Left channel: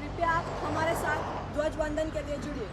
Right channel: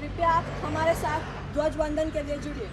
कृपया आप हमारे साथ ध्वज वंदन के लिए जुड़िए।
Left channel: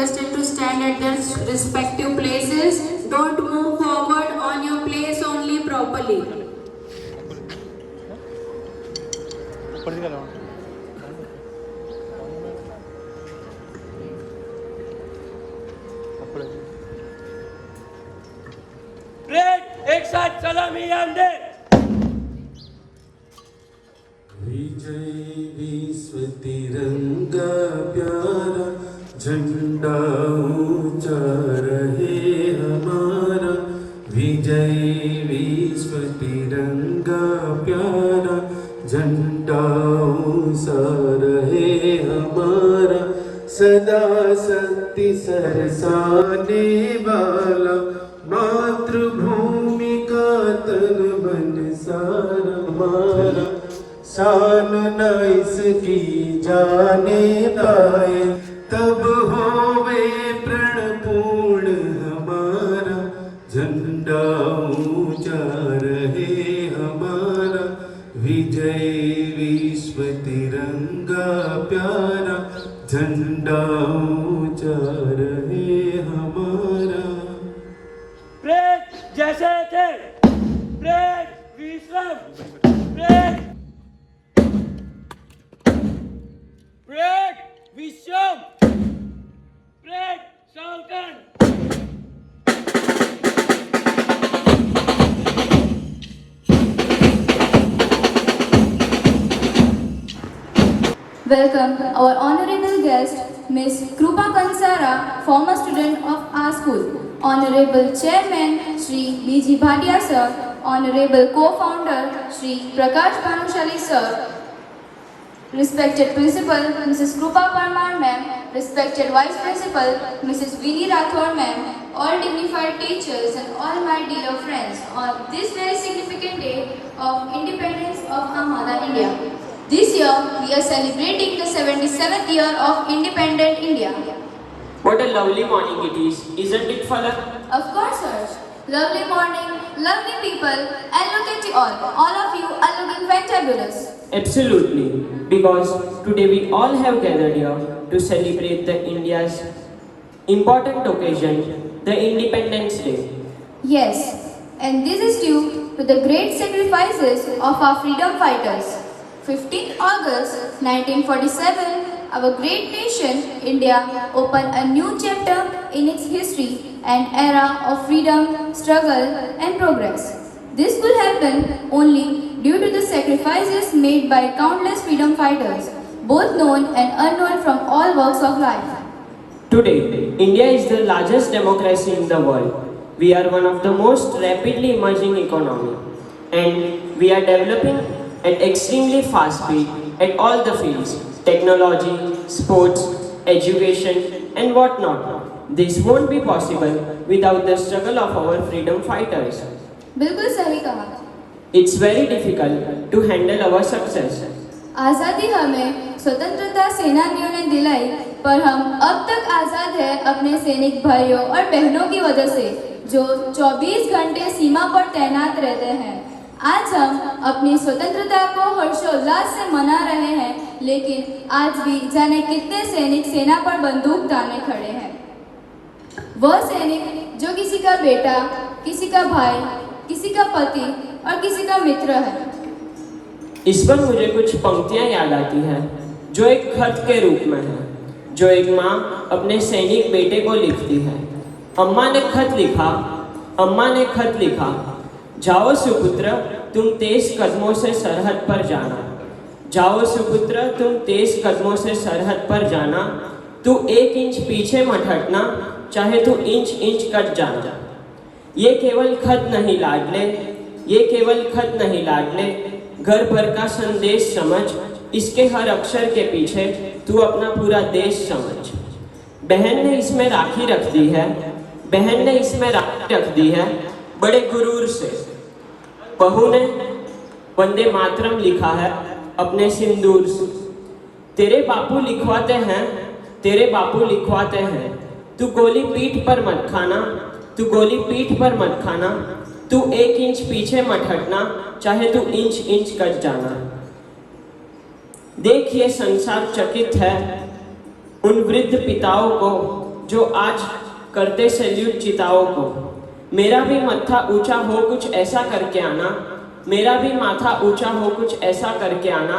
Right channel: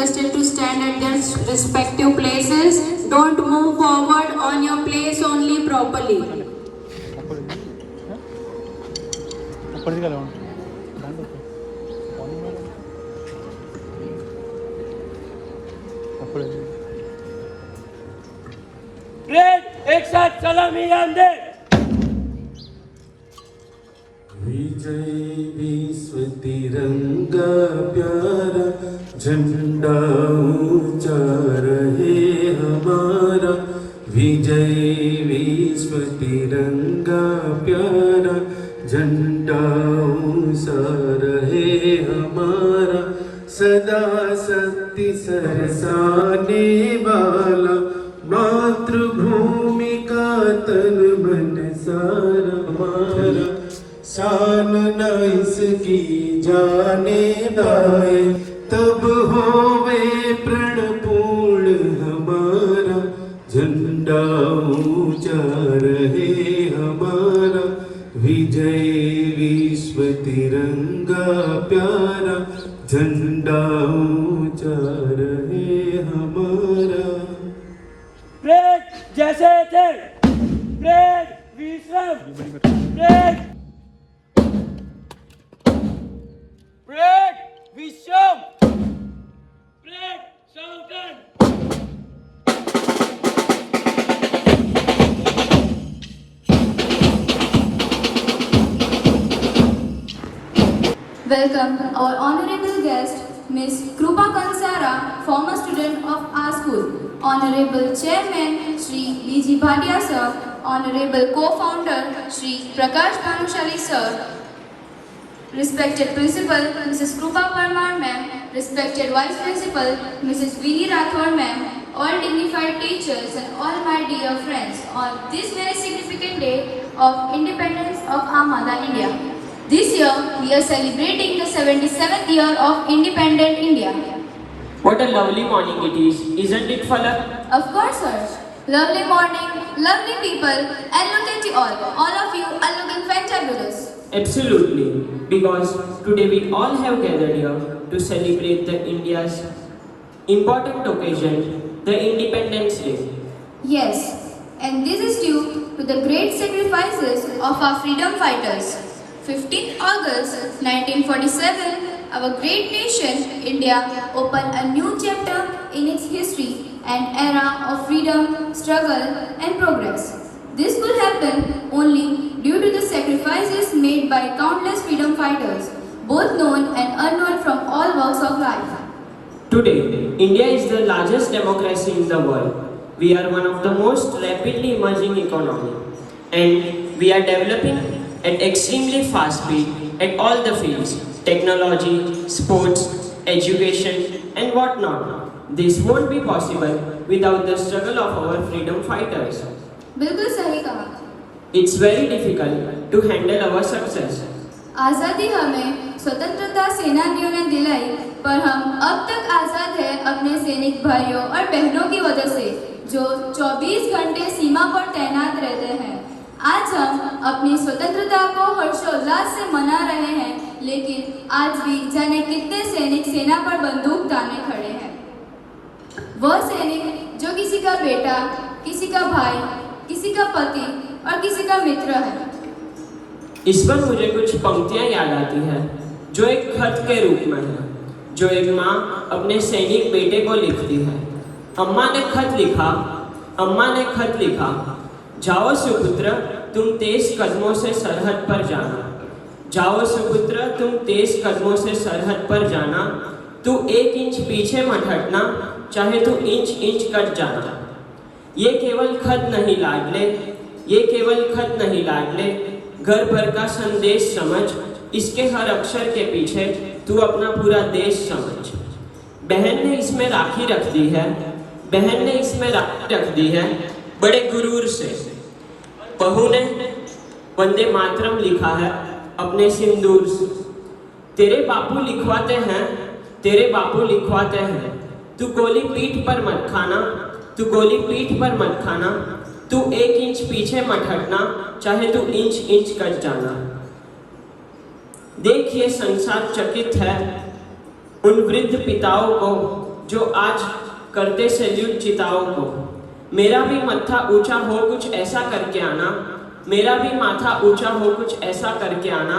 Requested to stand at their respective places. Don't move forward on your place only properly. एक साथ सलामी आमदे। विजय विश्व तिरंगा प्यारा झंडा ऊंचा रहे हमारा। विजय विश्व तिरंगा प्यारा झंडा ऊंचा रहे हमारा। सदा शक्ति सरसाने वाला मातृभूमि का तन मन सारा हमारा। शान न इसकी जाने दाए तब होवे प्रण पूर्ण हमारा। झंडा ऊंचा रहे हमारा। विजय विश्व तिरंगा प्यारा झंडा ऊंचा रहे हमारा। ब्रेक जैसे थे, ब्रेक विश्राम, ब्रेक विश्राम, ब्रेक सावधान। Welcome our honorable guest, Miss Krupa Kansara, former student of our school. Honorable Chairman, Shri B.G. Bhatia Sir. Honorable Co-founder, Shri Prakash Bhanushali Sir. Respected Principal, Mrs. Krupa Parmar Ma'am. Respected Vice Principal, Mrs. Vinnie Rathore Ma'am. All dignified teachers and all my dear friends on this very significant day of independence of our mother India. This year, we are celebrating the 77th year of independent India. What a lovely morning it is, isn't it, Falak? Of course, sir. Lovely morning, lovely people, and look at you all. All of you are looking fantabulous. Absolutely, because today we all have gathered here to celebrate the India's important occasion, the Independence Day. Yes, and this is due to the great sacrifices of our freedom fighters. 15th August 1947, our great nation, India, opened a new chapter in its history, an era of freedom, struggle, and progress. This could happen only due to the sacrifices made by countless freedom fighters, both known and unknown from all walks of life. Today, India is the largest democracy in the world. We are one of the most rapidly emerging economy, and we are developing at extremely fast speed at all the fields: technology, sports, education, and whatnot. This won't be possible without the struggle of our freedom fighters. बिल्कुल सही कहा। It's very difficult to handle our success. आज़ादी हमें स्वतंत्रता सेनानियों ने दिलाई, पर हम अब तक आज़ाद हैं अपने सैनिक भाइयों और बहनों की वजह से, जो 24 घंटे सीमा पर तैनात रहते हैं। आज हम अपनी स्वतंत्रता को हर्षोल्लास से मना रहे हैं, लेकिन आज भी जाने कितने सैनिक सेना पर बंदूक ताने खड़े हैं। वह सैनिक जो किसी का बेटा, किसी का भाई, किसी का पति और किसी का मित्र है। इस पर मुझे कुछ पंक्तियां याद आती हैं, जो एक खत के रूप में है, जो एक माँ अपने सैनिक बेटे को लिखती है। अम्मा ने खत लिखा, जाओ सुपुत्र, तुम तेज कदमों से सरहद पर जाना। जाओ सुपुत्र, तुम तेज कदमों से सरहद पर जाना। तू 1 इंच पीछे मत हटना, चाहे तू इंच इंच कट जाना। ये केवल खत नहीं लाडले, ये केवल खत नहीं लाडले, घर भर का संदेश समझ, इसके हर अक्षर के पीछे तू अपना पूरा देश समझ। बहन ने इसमें राखी रख दी है, बहन ने इसमें राखी रख दी है बड़े गुरूर से। बहू ने वंदे मातरम लिखा है अपने सिंदूर से। तेरे बापू लिखवाते हैं, तेरे बापू लिखवाते हैं, तू गोली पीठ पर मत खाना, तू गोली पीठ पर मत खाना। तू 1 इंच पीछे मत हटना, चाहे तू इंच इंच कट जाना। देख ये संसार चकित है उन वृद्ध पिताओं को, जो आज करते सैल्यूट चिताओं को। मेरा भी मत्था ऊंचा हो कुछ ऐसा करके आना, मेरा भी माथा ऊंचा हो कुछ ऐसा करके आना।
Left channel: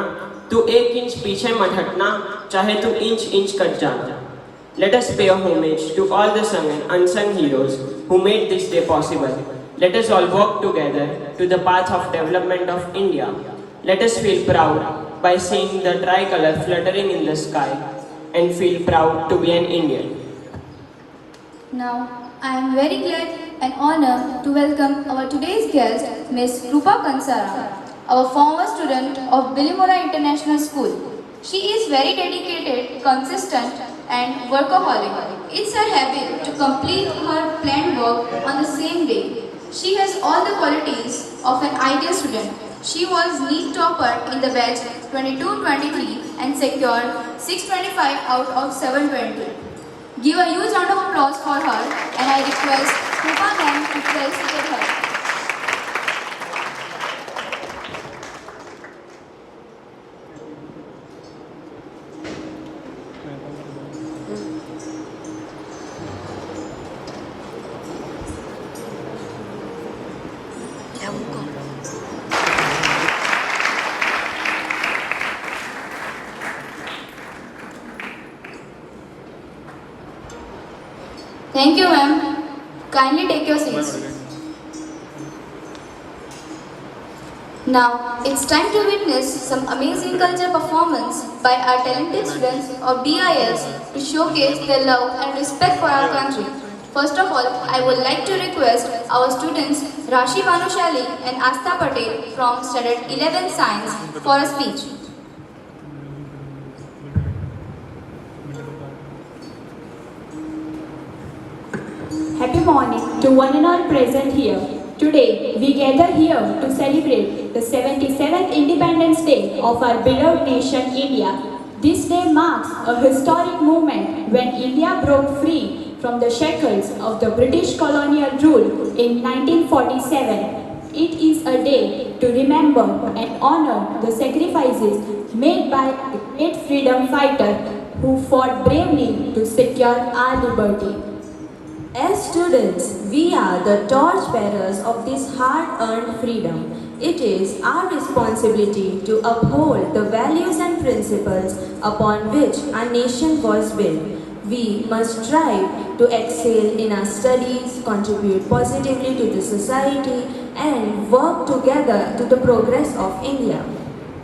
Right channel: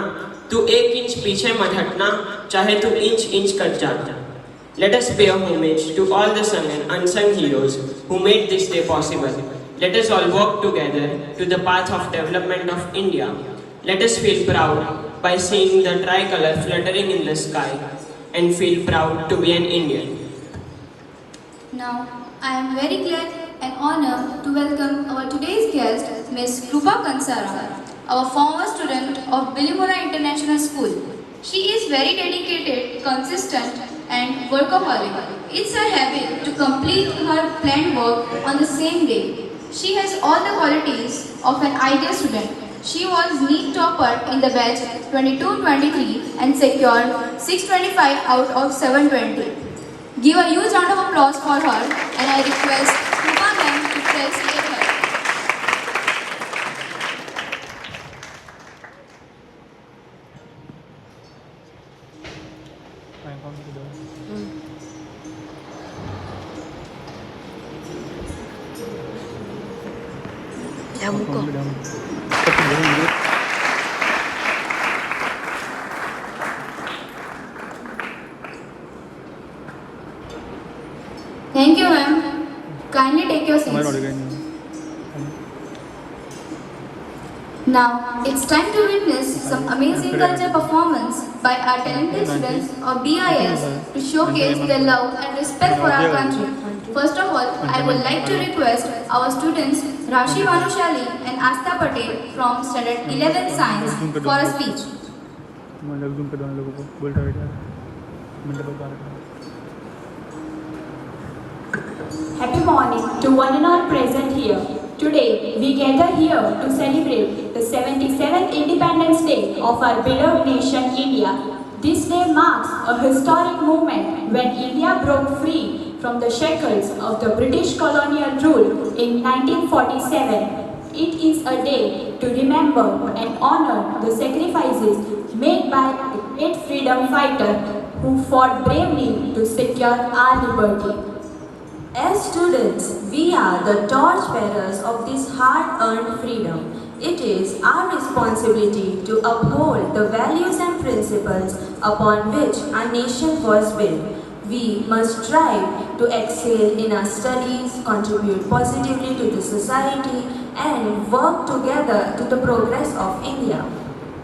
तू 1 इंच पीछे मत हटना, चाहे तू इंच इंच कट जाना। Let us pay homage to all the sung and unsung heroes who made this day possible. Let us all work together to the path of development of India. Let us feel proud by seeing the tricolor fluttering in the sky and feel proud to be an Indian. Now, I am very glad and honored to welcome our today's guest, Ms. Krupa Kansara, our former student of Bilimora International School. She is very dedicated, consistent, and workaholic. It's her habit to complete her planned work on the same day. She has all the qualities of an ideal student. She was NEET topper in the batch 22-23 and secured 625 out of 720. Give a huge round of applause for her, and I request Krupa ma'am to felicitate her. Thank you, ma'am. Kindly take your seats. Now, it's time to witness some amazing culture performance by our talented students of BIS to showcase their love and respect for our country. First of all, I would like to request our students Rashi Manushali and Astha Patel from Standard 11 Science for a speech. Happy morning to one and all present here. Today, we gather here to celebrate the 77th Independence Day of our beloved nation, India. This day marks a historic moment when India broke free from the shackles of the British colonial rule in 1947. It is a day to remember and honor the sacrifices made by a great freedom fighter who fought bravely to secure our liberty. As students, we are the torchbearers of this hard-earned freedom. It is our responsibility to uphold the values and principles upon which our nation was built. We must strive to excel in our studies, contribute positively to the society, and work together to the progress of India.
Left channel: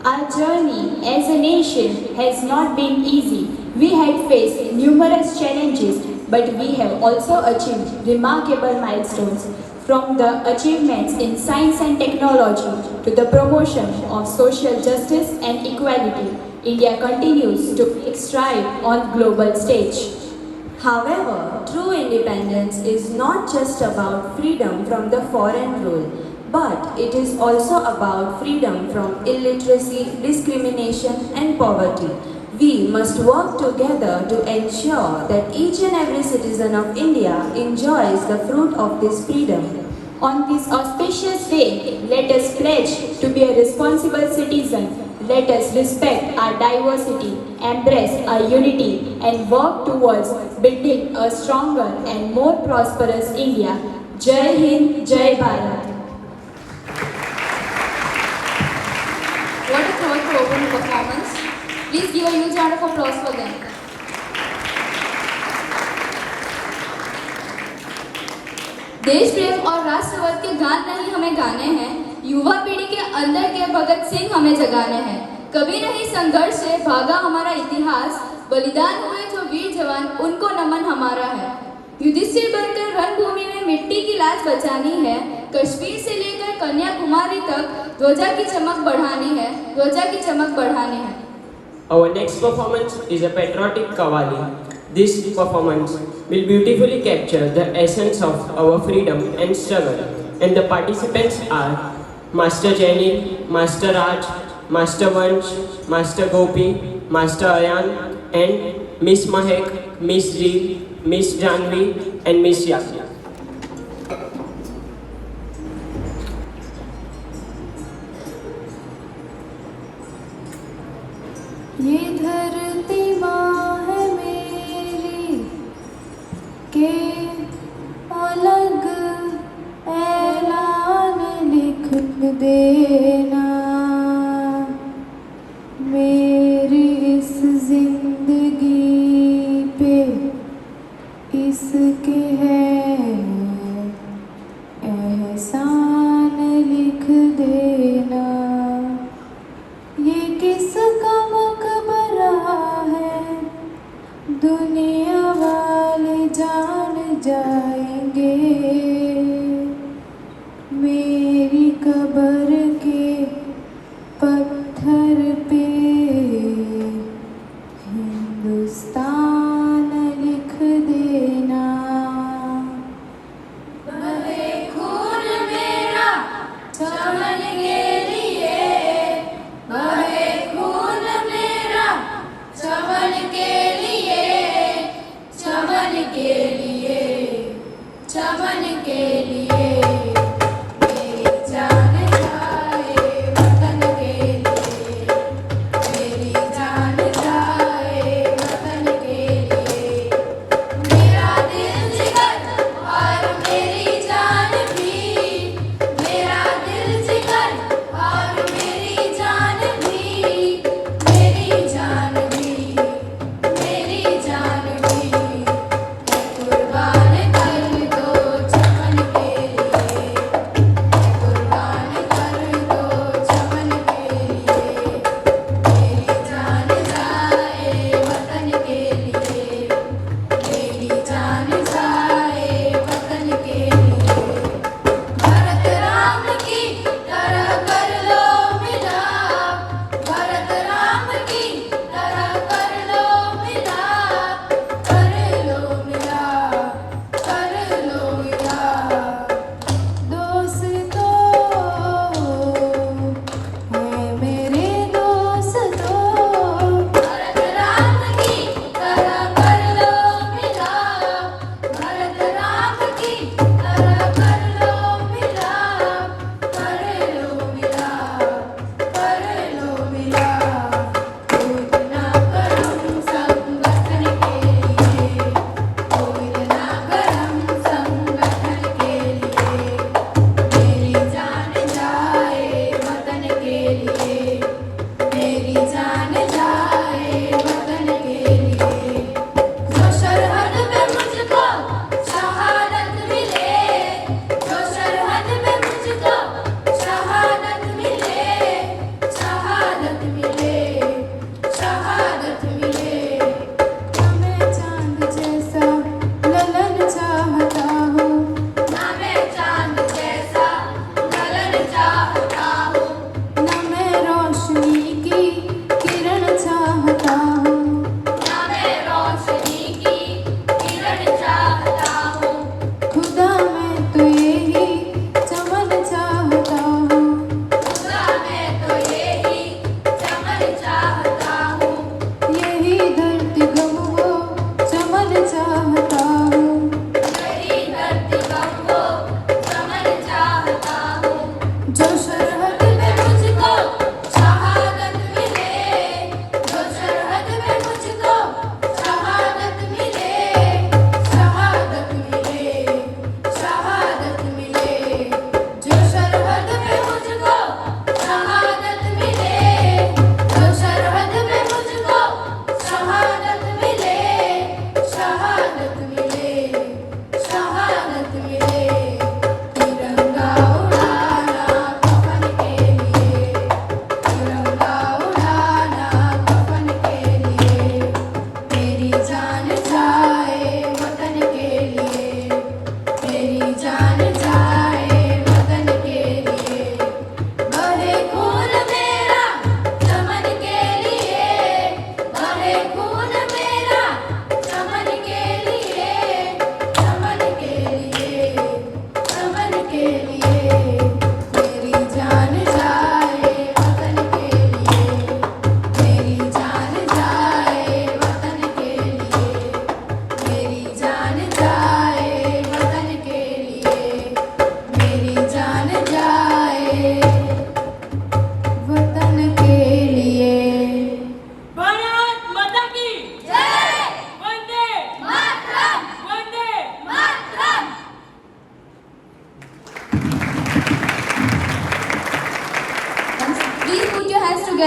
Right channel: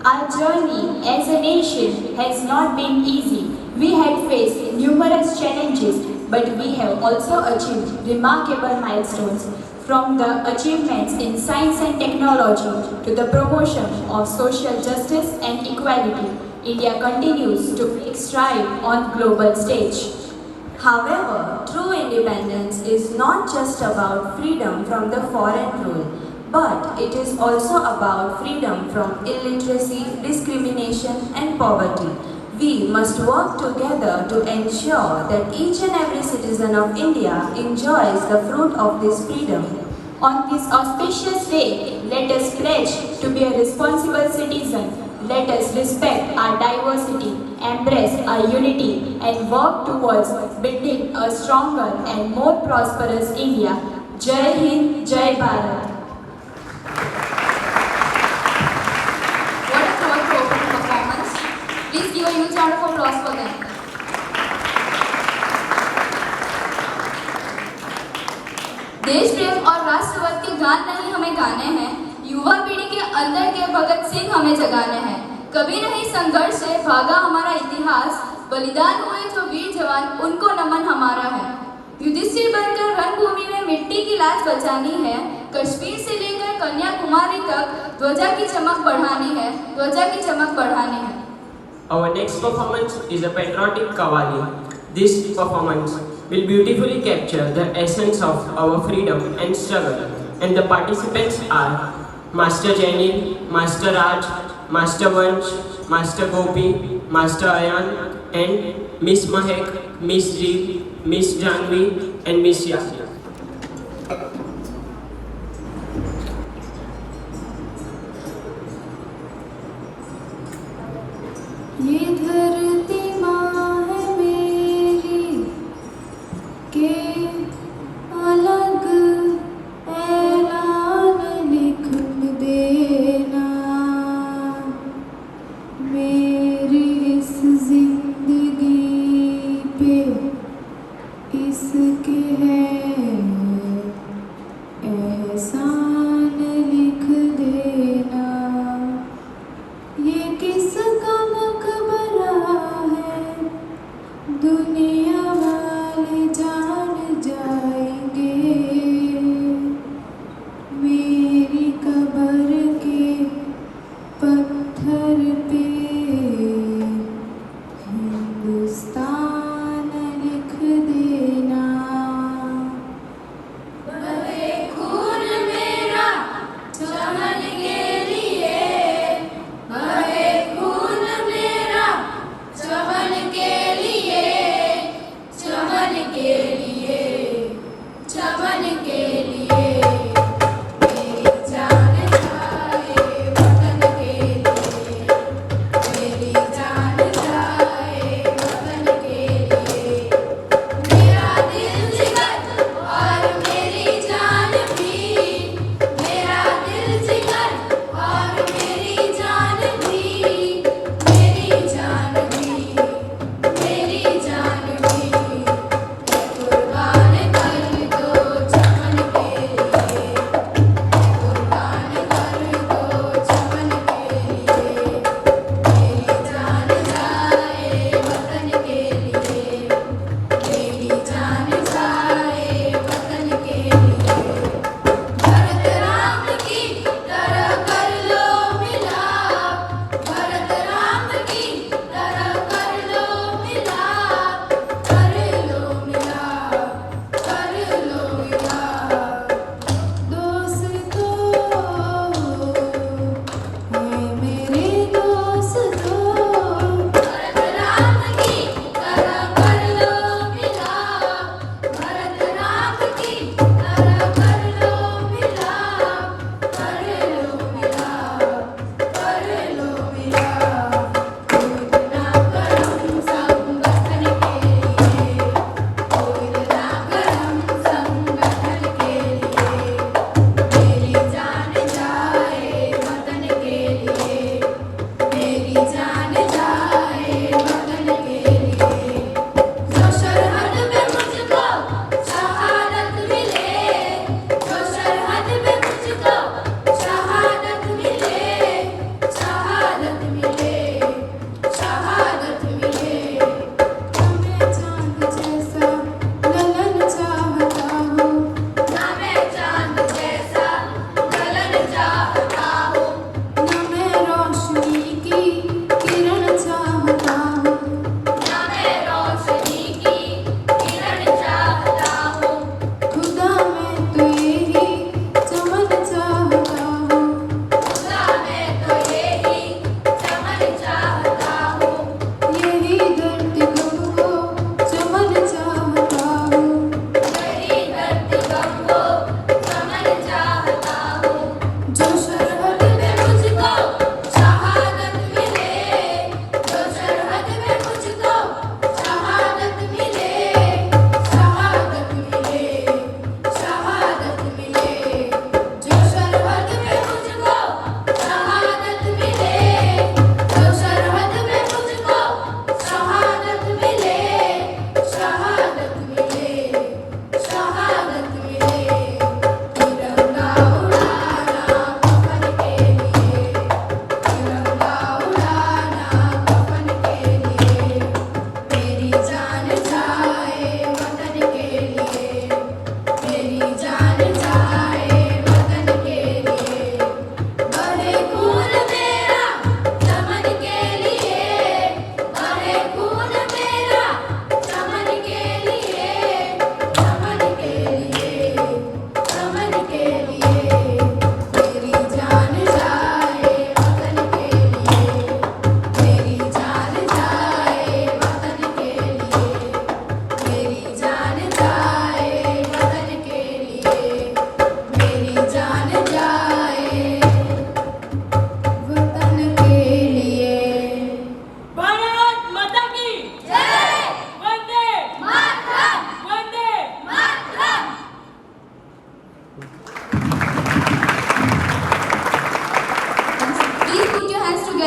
Our journey as a nation has not been easy. We had faced numerous challenges, but we have also achieved remarkable milestones. From the achievements in science and technology to the promotion of social justice and equality, India continues to make stride on global stage. However, true independence is not just about freedom from the foreign rule, but it is also about freedom from illiteracy, discrimination, and poverty. We must work together to ensure that each and every citizen of India enjoys the fruit of this freedom. On this auspicious day, let us pledge to be a responsible citizen. Let us respect our diversity, embrace our unity, and work towards building a stronger and more prosperous India. Jai Hind, Jai Bharat. What a thought-provoking performance. Please give a huge round of applause for them. देश प्रेम और राष्ट्रवाद के गान नहीं हमें गाने हैं, युवा पीढ़ी के अंदर के भगत सिंह हमें जगाने हैं। कभी नहीं संघर्ष से भागा हमारा इतिहास, बलिदान हुए जो वीर जवान उनको नमन हमारा है। युधिष्ठिर बनकर रणभूमि में मिट्टी की लाज बचानी है, कश्मीर से लेकर कन्याकुमारी तक ध्वजा की चमक बढ़ानी है, ध्वजा की चमक बढ़ानी है। Our next performance is a patriotic Qawwali. This performance will beautifully capture the essence of our freedom and struggle, and the participants are Master Jainil, Master Raj, Master Vansh, Master Gopi, Master Ayan, and Miss Mahek, Miss Ji, Miss Janvi, and Miss Yaki. ये धरती माँ है मेरी के अलग ऐलान लिख देना, मेरी इस जिंदगी पे इसके है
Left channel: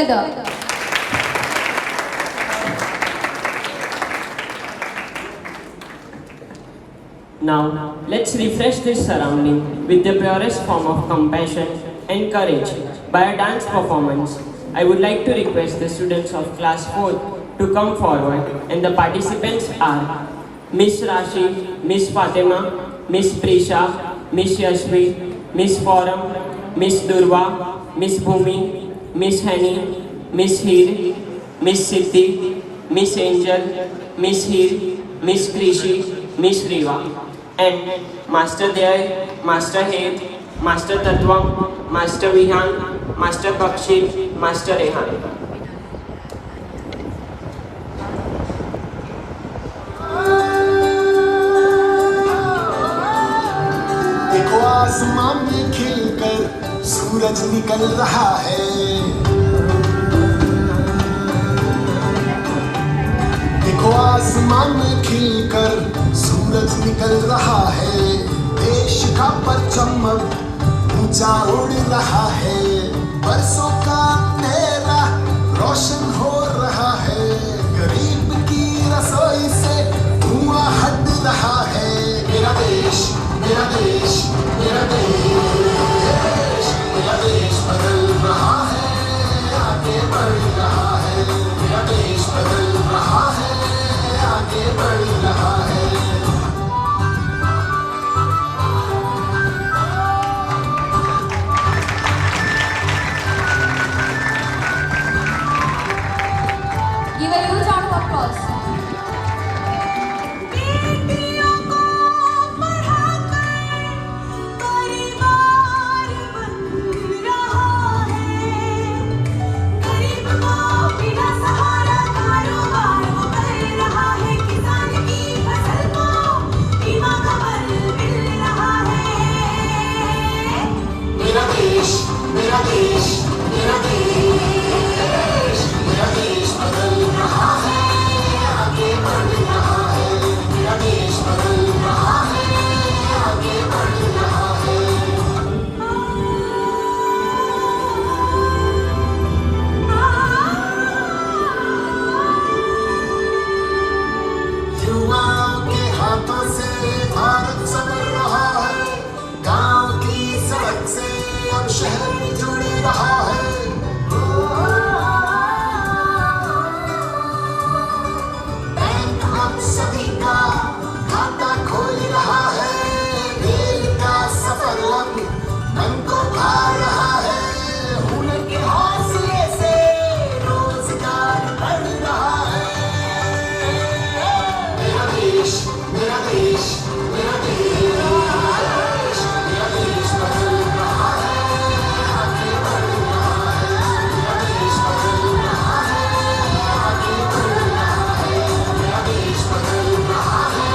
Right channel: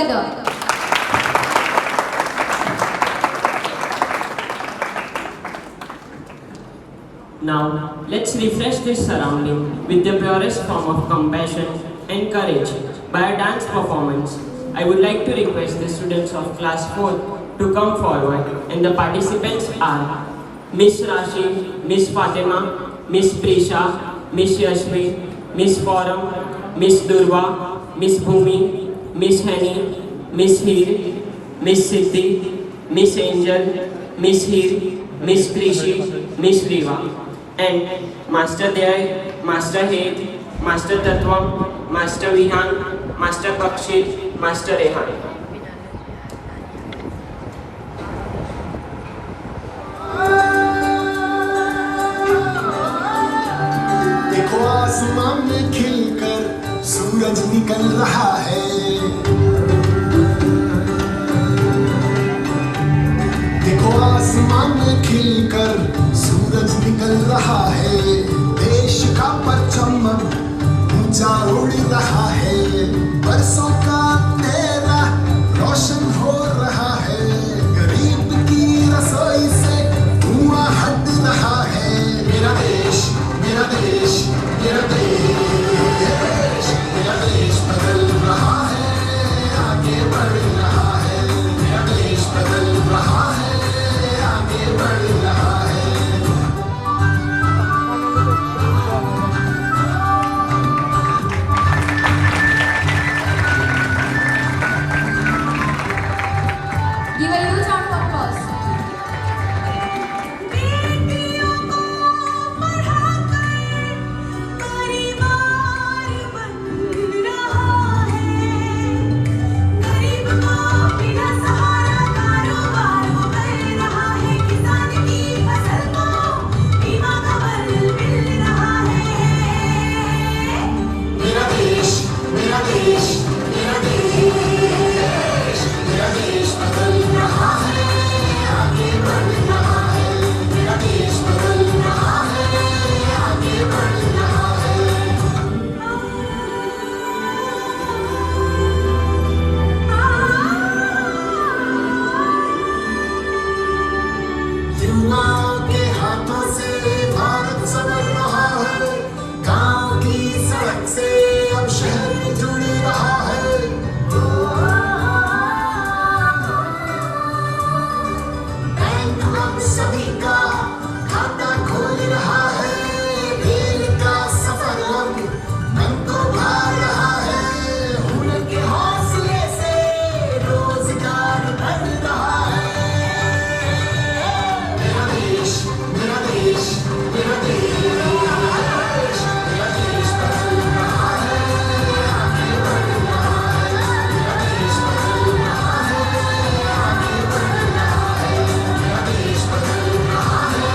together. Now, let's refresh this surrounding with the purest form of compassion and courage by a dance performance. I would like to request the students of class 4 to come forward, and the participants are Miss Rashi, Miss Fatima, Miss Prisha, Miss Yashvi, Miss Forum, Miss Durva, Miss Bhumi, Miss Henny, Miss Heer, Miss Siddhi, Miss Angel, Miss Heer, Miss Krishi, Miss Riva, and Master Daya, Master Hed, Master Tatvam, Master Vihan, Master Pakshit, Master Rehan. देखो आसमान में खिलकर सूरज निकल रहा है, देखो आसमान में खिलकर सूरज निकल रहा है, देश का परचम ऊंचा उड़ रहा है, बरसों का अंधेरा रोशन हो रहा है, गरीब की रसोई से धुआं हट रहा है। मेरा देश, मेरा देश, मेरा देश, मेरा देश बदल रहा है, आगे बढ़ रहा है, मेरा देश बदल रहा है, आगे बढ़ रहा है। Give a huge round of applause. मेरा देश, मेरा देश, मेरा देश, मेरा देश बदल रहा है, आगे बढ़ रहा है, मेरा देश बदल रहा है, आगे बढ़ रहा है। युवाओं के हाथों से भारत संवर रहा है, गांव की सड़क से अब शहर जुड़ रहा है। बैंक अब सभी का खाता खोल रहा है, रेल का सफर अब मन को भा रहा है, हुनर के हौसले से रोजगार बढ़ रहा है। मेरा देश, मेरा देश, मेरा देश, मेरा देश बदल रहा है, आगे बढ़ रहा है, मेरा देश बदल रहा है, आगे बढ़ रहा है, मेरा देश बदल रहा है,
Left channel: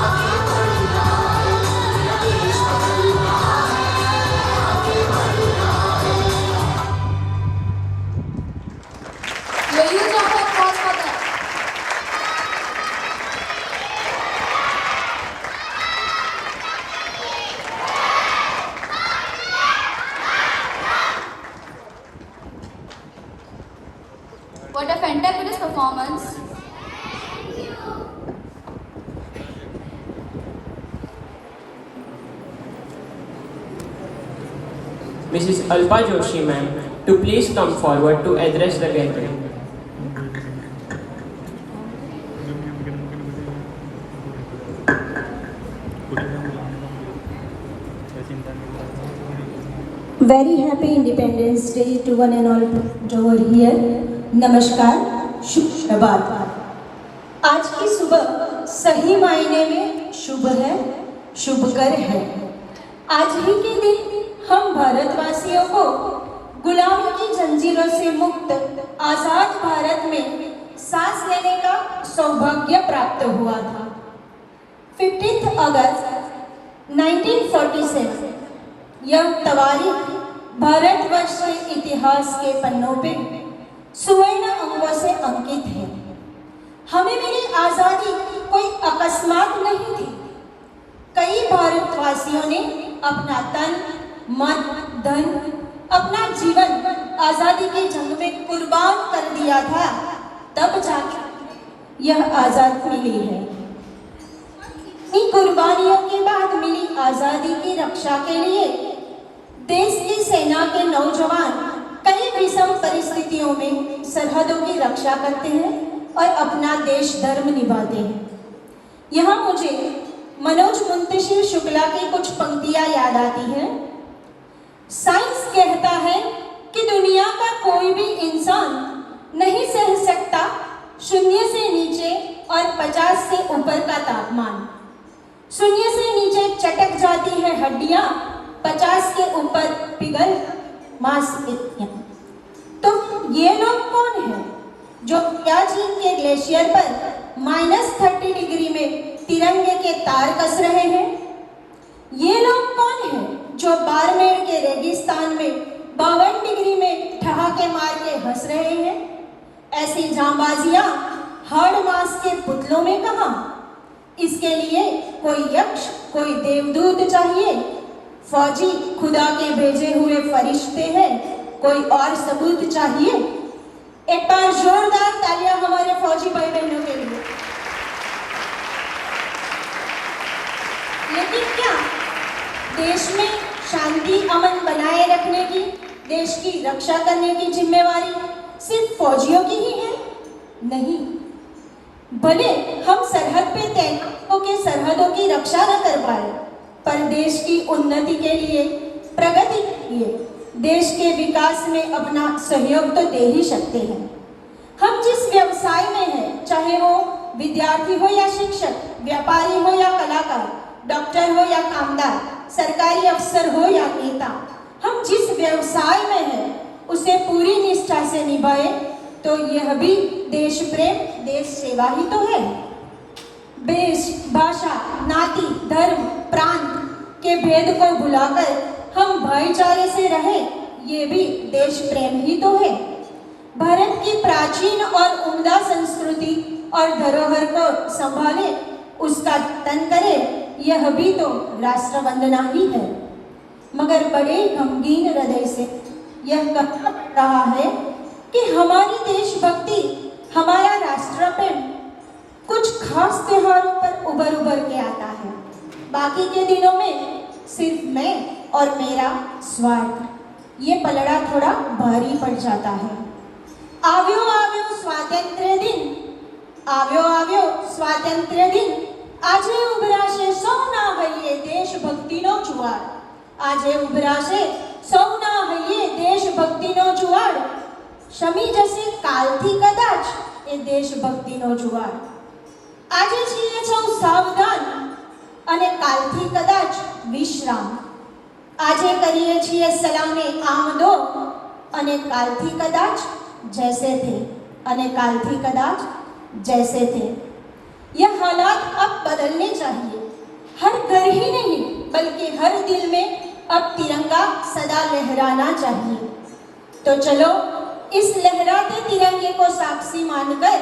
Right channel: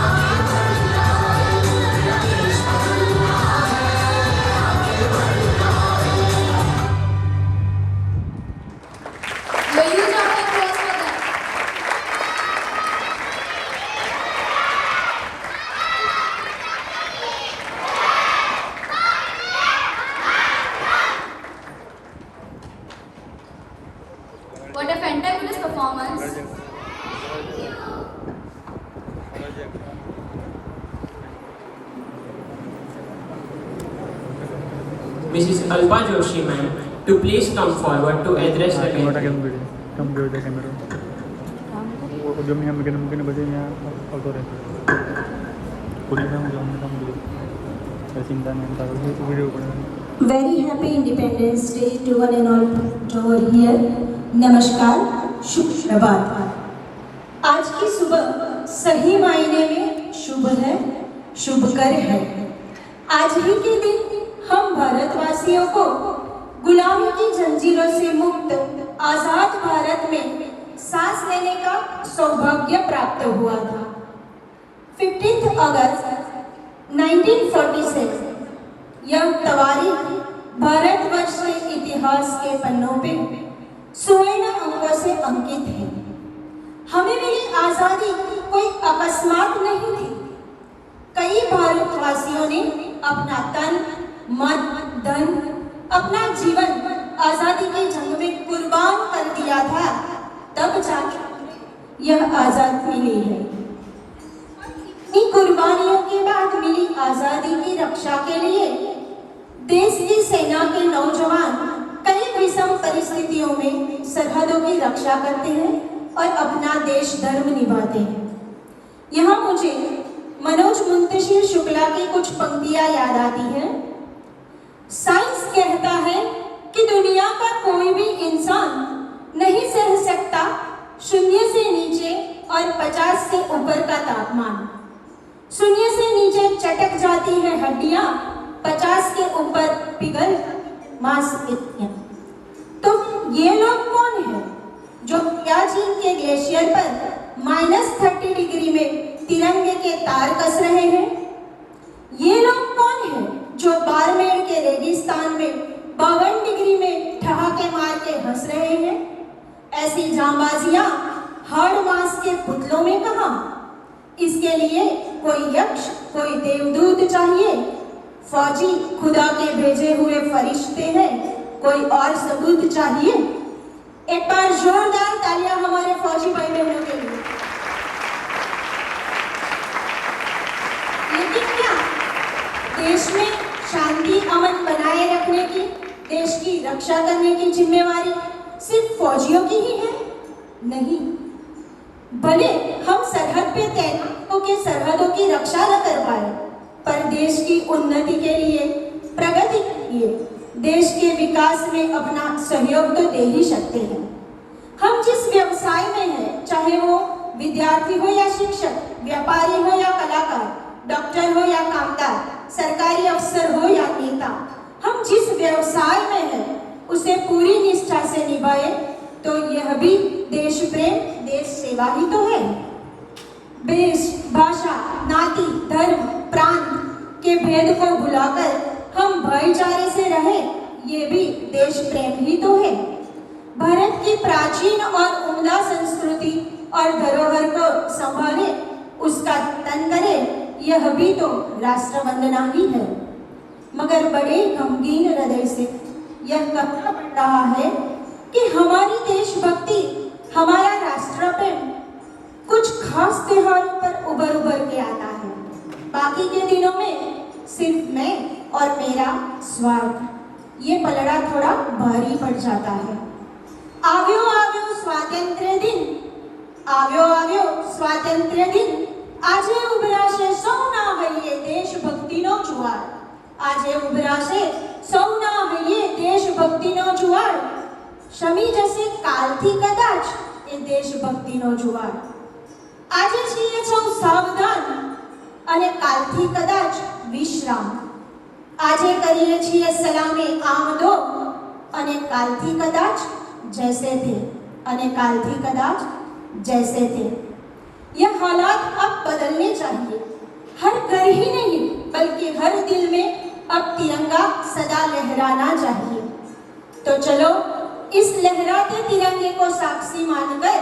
आगे बढ़ रहा है, मेरा देश बदल रहा है, आगे बढ़ रहा है। Give a huge round of applause for them. What a fantabulous performance. Mrs. Alpa Joshi ma'am, to please come forward to address the gathering. Very happy Independence Day to one and all who are here. नमस्कार, शुभ प्रभात। आज की सुबह सही मायने में शुभ है, शुभकर है। आज ही के दिन हम भारतवासियों को गुलामी की जंजीरों से मुक्त आजाद भारत में सांस लेने का सौभाग्य प्राप्त हुआ था। 15 अगस्त 1947 यह तारीख भारतवर्ष के इतिहास के पन्नों पे सुवर्ण अंकों से अंकित है। हमें मिली आजादी कोई अकस्मात नहीं थी। कई भारतवासियों ने अपना तन, मन, धन, अपना जीवन आजादी के जंग में कुर्बान कर दिया था, तब जाकर यह आजाद मिली है। इन कुर्बानियों के बाद मिली आजादी की रक्षा के लिए देश की सेना के नौजवान कई विषम परिस्थितियों में सरहदों की रक्षा करते हैं और अपना देश धर्म निभाते हैं। यहाँ मुझे मनोज मुंतशिर शुक्ला की कुछ पंक्तियां याद आती हैं। साइंस कहता है कि दुनिया का कोई भी इंसान नहीं सह सकता 0 से नीचे और 50 से ऊपर का तापमान। 0 से नीचे चटक जाती है हड्डियां, 50 के ऊपर पिघल मांसपेशियां। तो ये लोग कौन हैं जो सियाचिन के ग्लेशियर पर -30 डिग्री में तिरंगे के तार कस रहे हैं? ये लोग कौन हैं जो बाड़मेर के रेगिस्तान में 52 डिग्री में ठहाके मार के हंस रहे हैं? ऐसी जांबाजियां हाड़ मांस के पुतलों में कहां? इसके लिए कोई यक्ष, कोई देवदूत चाहिए, फौजी खुदा के भेजे हुए फरिश्ते हैं, कोई और सबूत चाहिए? एक बार जोरदार तालियां हमारे फौजी भाई बहनों के लिए। लेकिन क्या देश में शांति अमन बनाए रखने की, देश की रक्षा करने की जिम्मेवारी सिर्फ फौजियों की ही है? नहीं, भले हम सरहद पे तैनात होकर सरहदों की रक्षा न कर पाए, पर देश की उन्नति के लिए, प्रगति के लिए, देश के विकास में अपना सहयोग तो दे ही सकते हैं। हम जिस व्यवसाय में हैं, चाहे वो विद्यार्थी हो या शिक्षक, व्यापारी हो या कलाकार, डॉक्टर हो या कामदार, सरकारी अफसर हो या नेता, हम जिस व्यवसाय में हैं उसे पूरी निष्ठा से निभाए तो यह भी देश प्रेम, देश सेवा ही तो है। देश, भाषा, नाती, धर्म, प्रांत के भेद को भुलाकर हम भाईचारे से रहें, ये भी देश प्रेम ही तो है। भारत की प्राचीन और उम्दा संस्कृति और धरोहर को संभाले, उसका जतन करे, यह भी तो राष्ट्र वंदना ही है। मगर बड़े गमगीन हृदय से यह कहना पड़ रहा है कि हमारी देशभक्ति, हमारा राष्ट्र प्रेम कुछ खास त्योहारों पर उभर के आता है। बाकी के दिनों में सिर्फ मैं और मेरा स्वार्थ, ये पलड़ा थोड़ा भारी पड़ जाता है। આવ્યો આવ્યો સ્વાતંત્ર્ય દિન, આવ્યો આવ્યો સ્વાતંત્ર્ય દિન, આજે ઉભરાશે સૌના હૈયે દેશભક્તિનો જુવાર, આજે ઉભરાશે સૌના હૈયે દેશભક્તિનો જુવાર, શમી જશે કાલથી કદાચ એ દેશભક્તિનો જુવાર। આજે છીએ સૌ સાવધાન અને કાલથી કદાચ વિશ્રામ, આજે કરીએ છીએ સલામે આમદો અને કાલથી કદાચ जैसे थे, अने काल थी कदाच जैसे थे। यह हालात अब बदलने चाहिए। हर घर ही नहीं बल्कि हर दिल में अब तिरंगा सदा लहराना चाहिए। तो चलो इस लहराते तिरंगे को साक्षी मानकर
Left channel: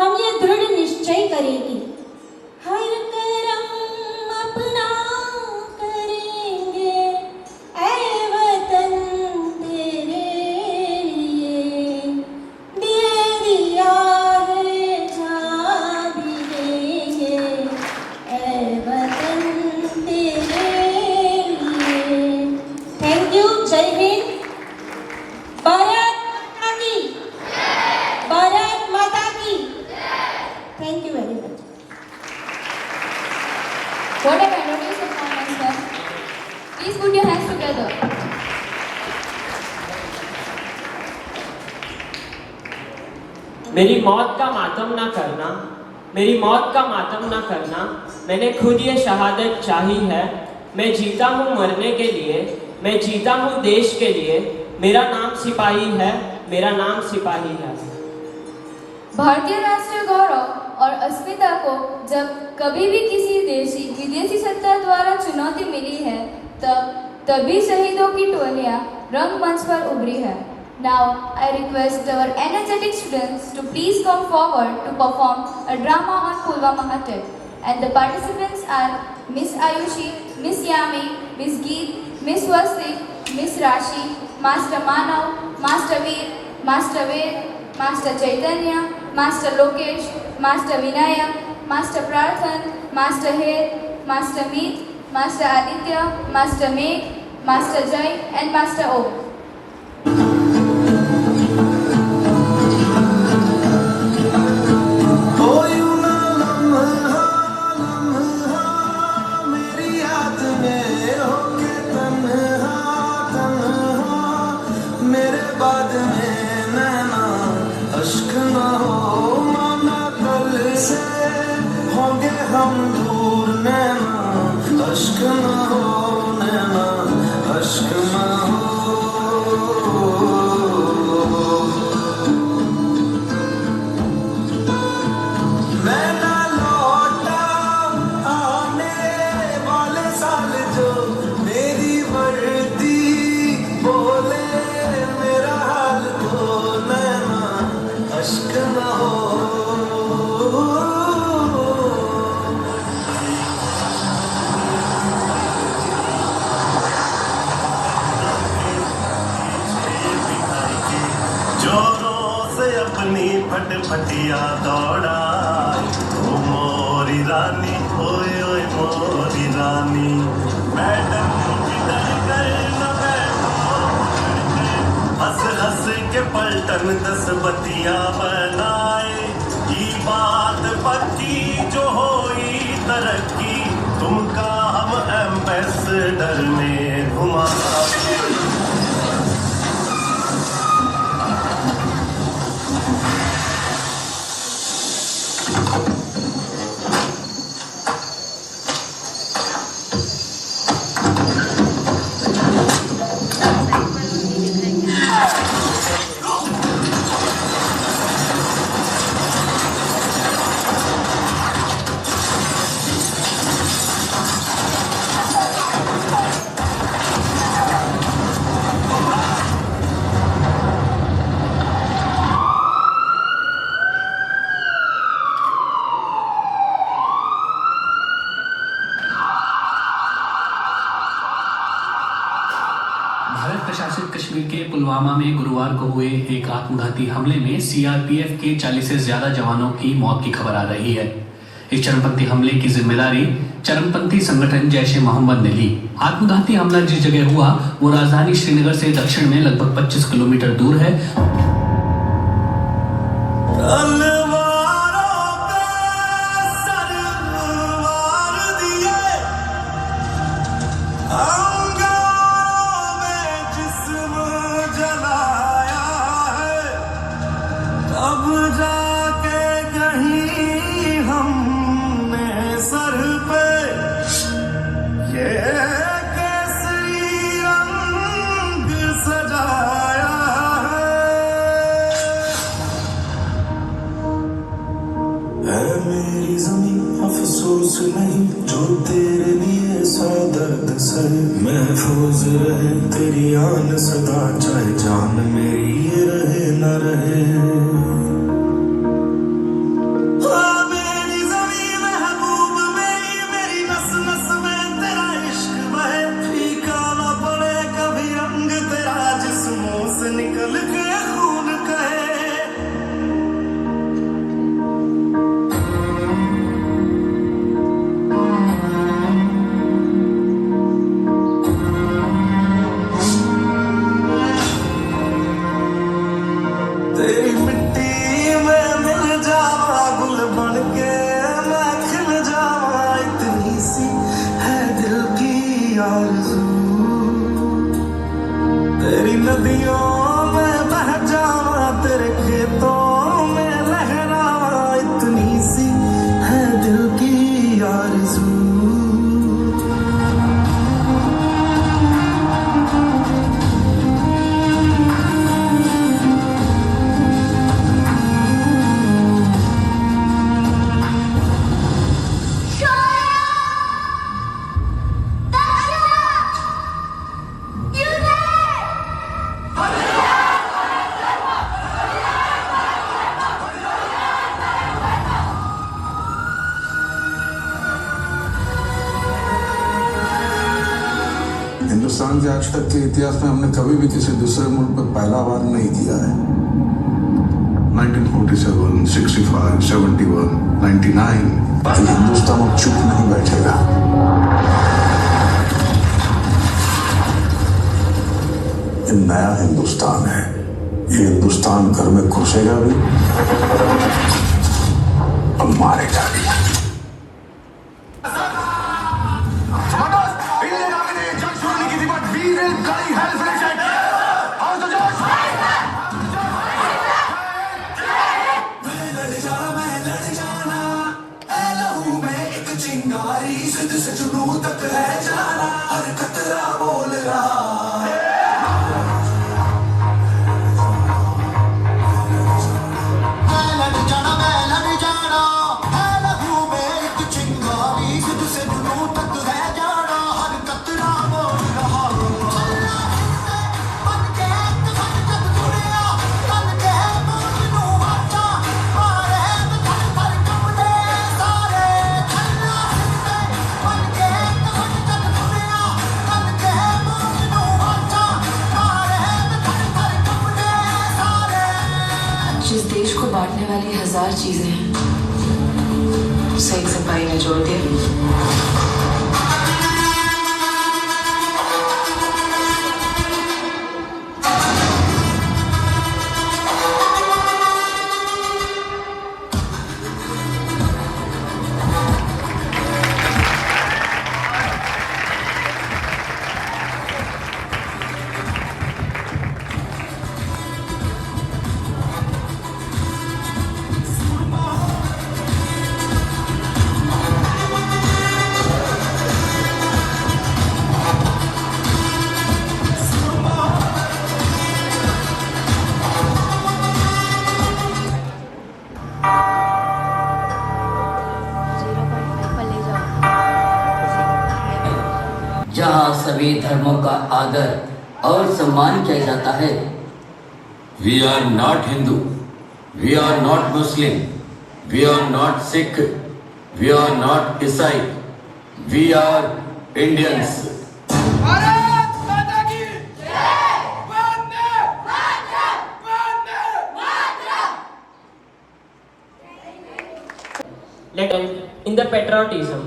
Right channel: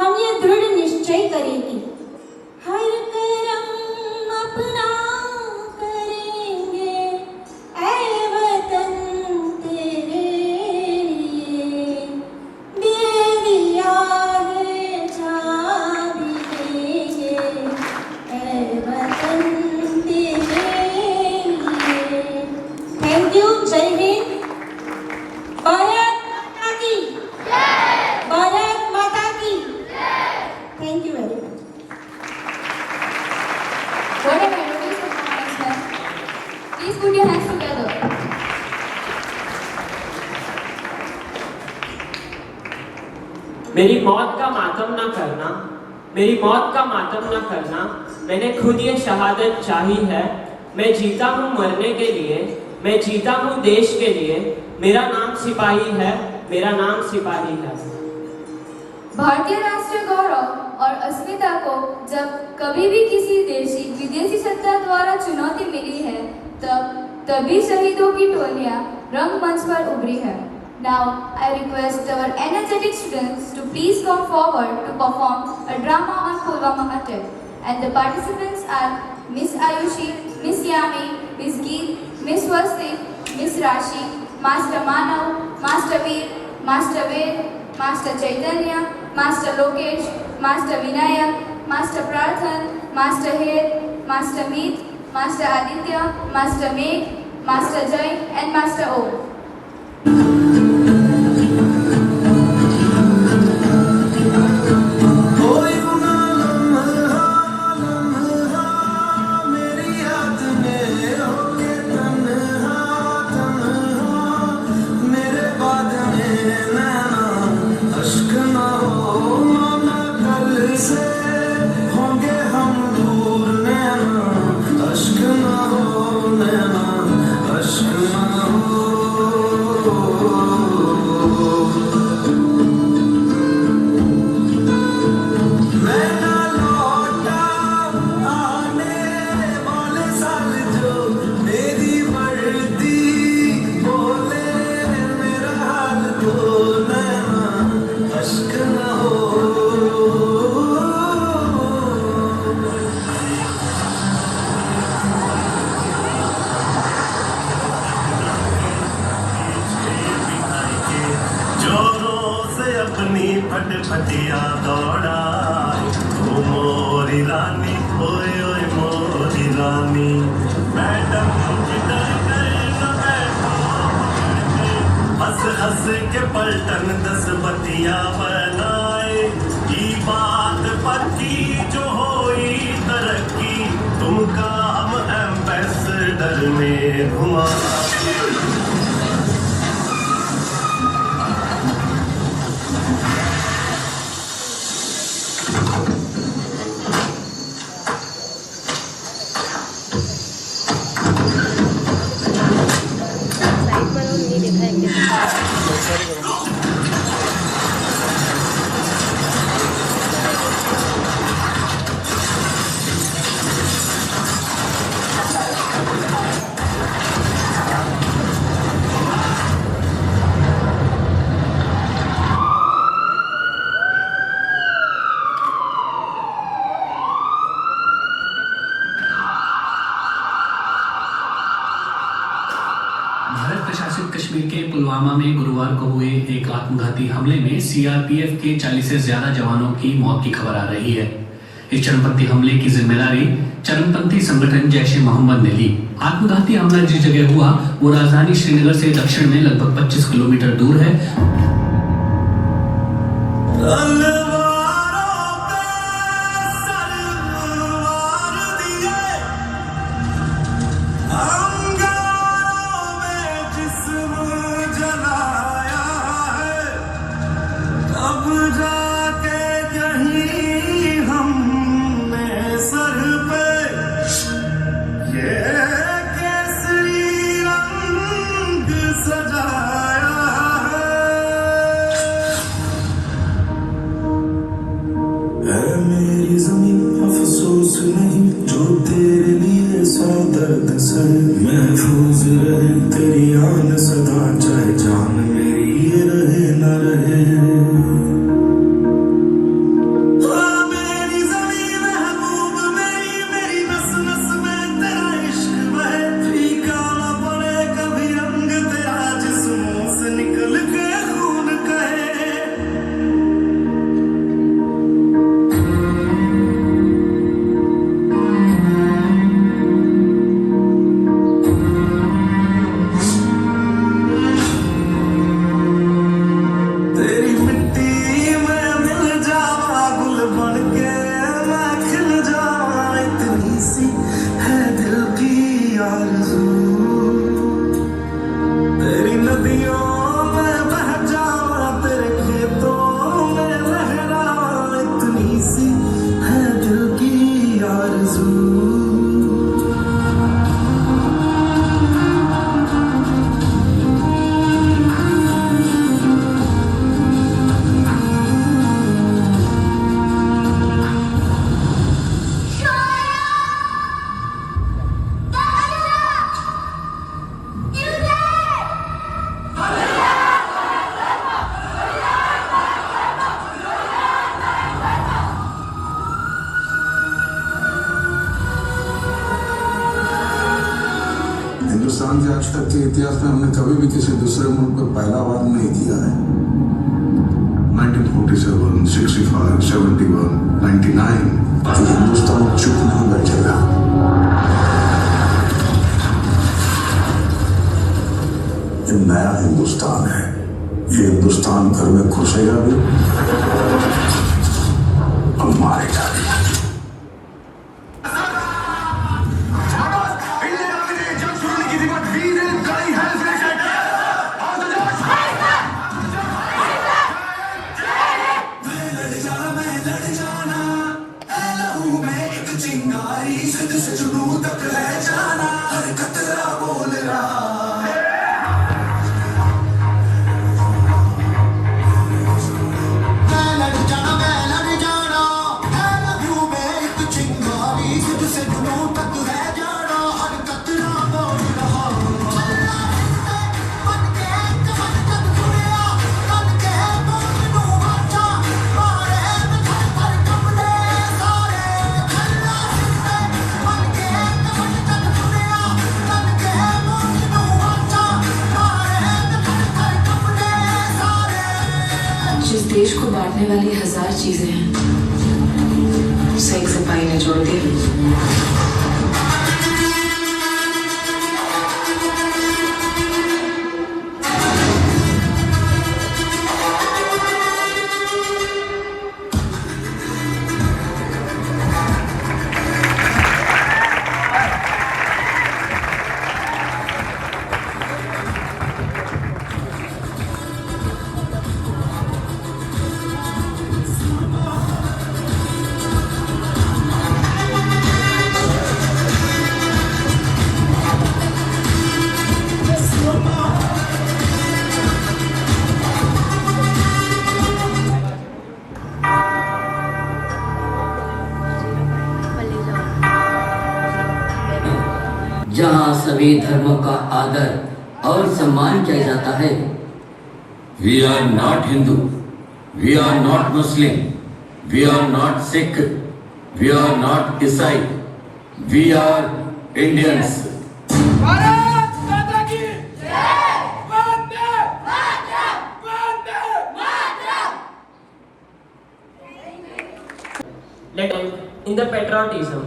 हम ये दृढ़ निश्चय करें कि हर करम अपना करेंगे ऐ वतन तेरे What a magnificent performance, ma'am. Please put your hands together. मेरी मौत का मातम ना करना, मेरी मौत का मातम ना करना, मैंने खुद ये शहादत चाही है। मैं जीता हूँ मरने के लिए, मैं जीता हूँ देश के लिए, मेरा नाम सिपाही है, मेरा नाम सिपाही है। भारतीय राष्ट्रीय गौरव और अस्मिता को जब कभी भी किसी विदेशी सत्ता द्वारा चुनौती मिली है, तभी शहीदों की टोलियां रंगमंच पर उभरी है। Now I request our energetic students to please come forward to perform a drama on Pulwama attack, and the participants are Miss Ayushi, Miss Yami, Miss Geet, Miss Vasti, Miss Rashi, Master Manav, Master Master Veer, Master Ved, Master Chaitanya, Master Lokesh, Master Vinayak, Master Prathan, Master Hed, Master Meet, Master Aditya, Master Meg, Master Jai, and Master O. अपनी फटफटिया दौड़ा ओ मोरी रानी, ओए ओए मोरी रानी। Madam डर कर न बैठो, हंस हंस के पलटन 10 बतिया बनाए। ये बात पक्की जो होई तरक्की, तुमका हम एम्बेसडर में घुमाए। भारत प्रशासित कश्मीर के पुलवामा में गुरुवार को हुए एक आत्मघाती हमले में सीआरपीएफ के 40 से ज्यादा जवानों की मौत की खबर आ रही है। इस चरमपंथी हमले की जिम्मेदारी चरमपंथी संगठन जैश ए मोहम्मद ने ली। आत्मघाती हमला जिस जगह हुआ वो राजधानी श्रीनगर से दक्षिण में लगभग 25 किलोमीटर दूर है। महफूज रहे तेरी आन सदा, चाहे जान मेरी ये रहे ना रहे। मेरी ज़मीं महबूब मेरी, मेरी नस नस में तेरा इश्क बहे। फीका ना पड़े कभी अंग तेरा, जिस्मों से निकल के खून कहे। आज तक के इतिहास में हमने कभी भी किसी दूसरे मुल्क पर पहला वार नहीं दिया है। 1947, 65, 71, 99, हिंदुस्तान अब चुप नहीं बैठेगा। ये नया हिंदुस्तान है। ये हिंदुस्तान घर में घुसेगा भी और मारेगा भी। जिस देश को बांटने वाली 1000 चीजें हैं, उसे एक सिपाही ने जोड़ दिया। जहाँ सभी धर्मों का आदर और सम्मान किया जाता है। We are not Hindu, we are not Muslim, we are not Sikh, we are not Isai, we are Indians. Bharat माता की जय। Vande Mataram, Vande Mataram. In the patriotism,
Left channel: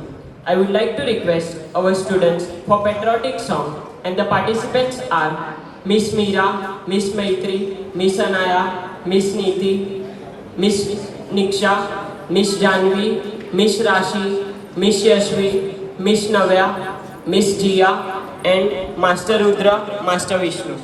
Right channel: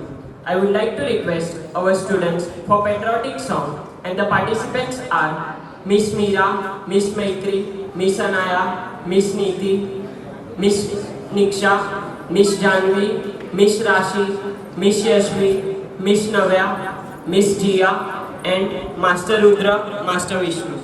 I would like to request our students for patriotic song, and the participants are Miss Meera, Miss Maitri, Miss Anaya, Miss Neeti, Miss Niksha, Miss Janvi, Miss Rashi, Miss Yashvi, Miss Navya, Miss Jia, and Master Rudra, Master Vishnu.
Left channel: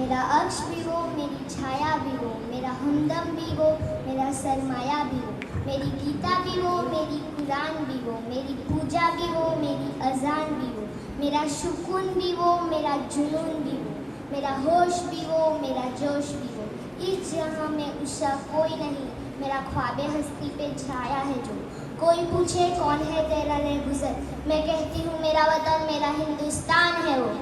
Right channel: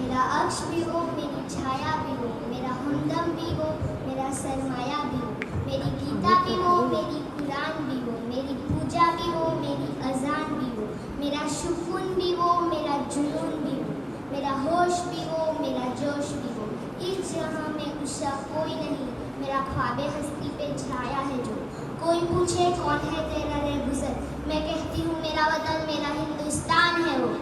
मेरा अक्ष भी हो, मेरी छाया भी हो, मेरा हमदम भी हो, मेरा सरमाया भी हो, मेरी गीता भी हो, मेरी कुरान भी हो, मेरी पूजा भी हो, मेरी अजान भी हो, मेरा सुकून भी हो, मेरा जुनून भी हो, मेरा होश भी हो, मेरा जोश भी हो। इस जहां में उसका कोई नहीं, मेरा ख्वाबे हस्ती पे छाया है जो। कोई पूछे कौन है तेरा रहगुजर, मैं कहती हूँ मेरा वतन, मेरा हिंदुस्तान है वो।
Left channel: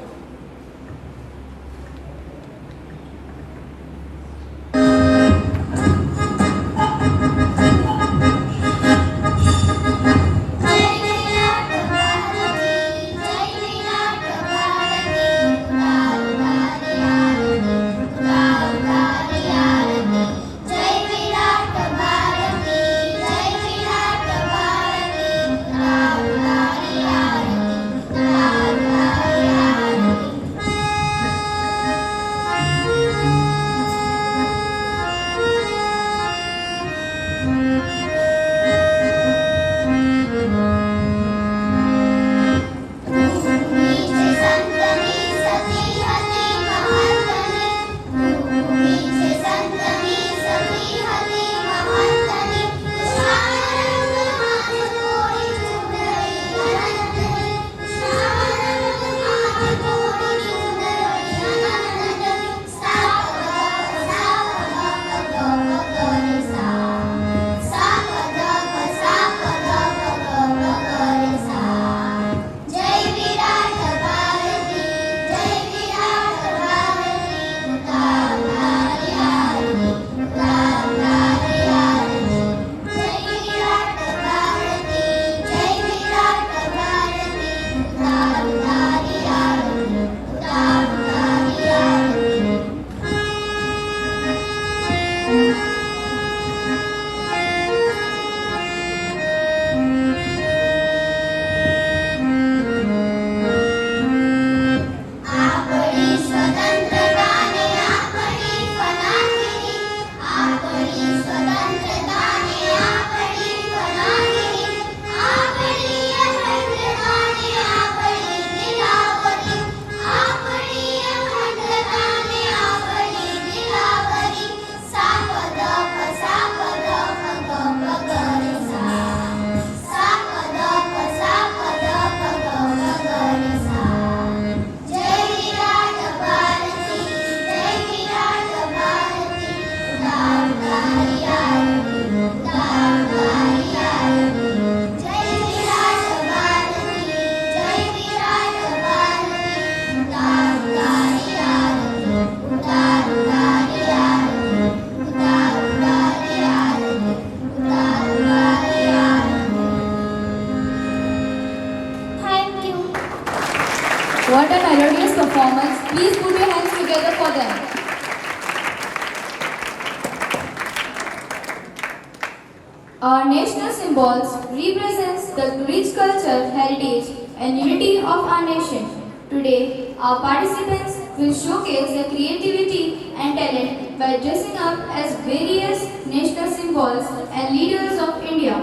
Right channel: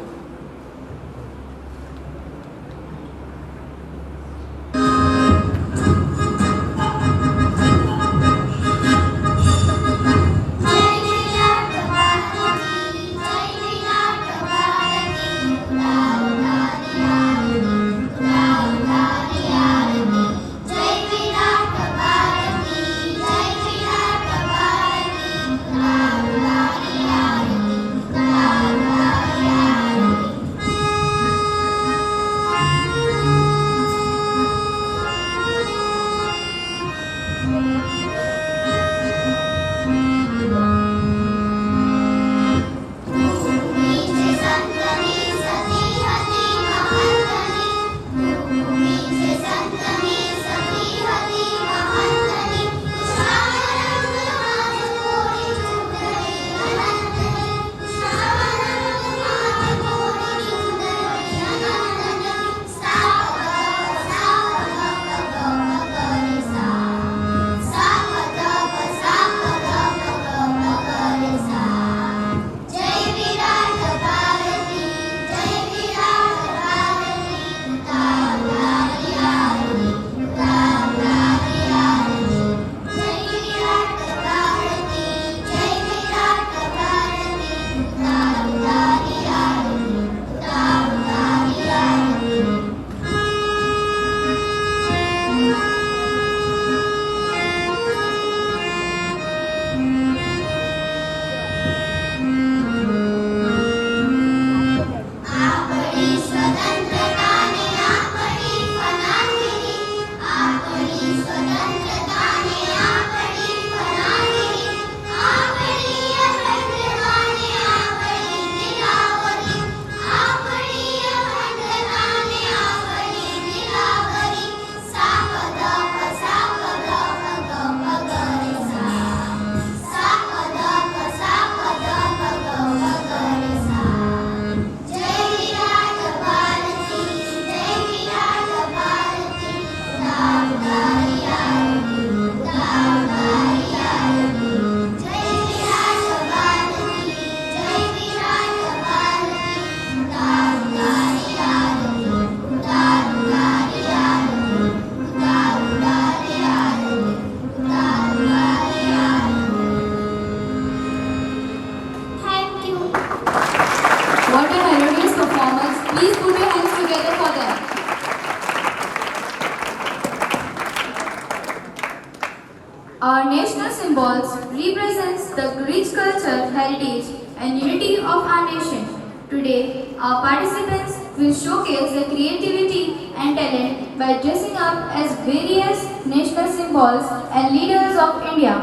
symbols represents the rich culture, heritage and unity of our nation. Today, our participants will showcase their creativity and talent by dressing up as various national symbols and leaders of India,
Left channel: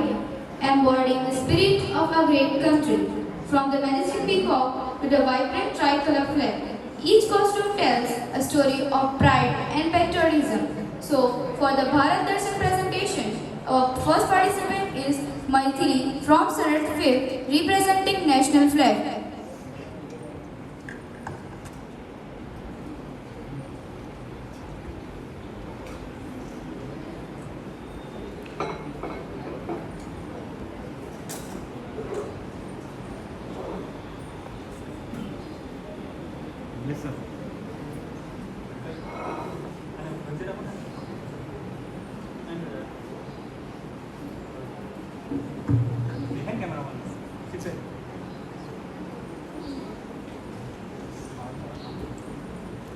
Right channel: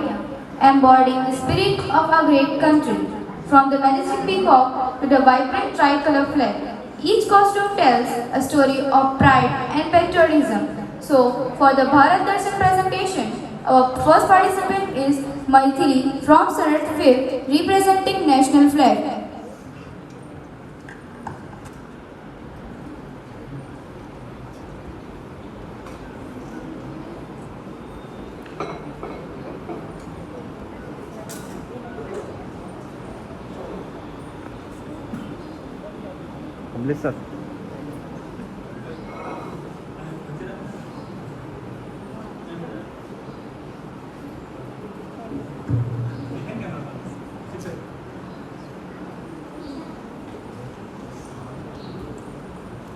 embodying the spirit of our great country. From the majestic peacock to the vibrant tricolor flag, each costume tells a story of pride and patriotism. So, for the Bharat Darshan presentation, our first participant is Maithili from Standard 5th, representing national flag. Listen.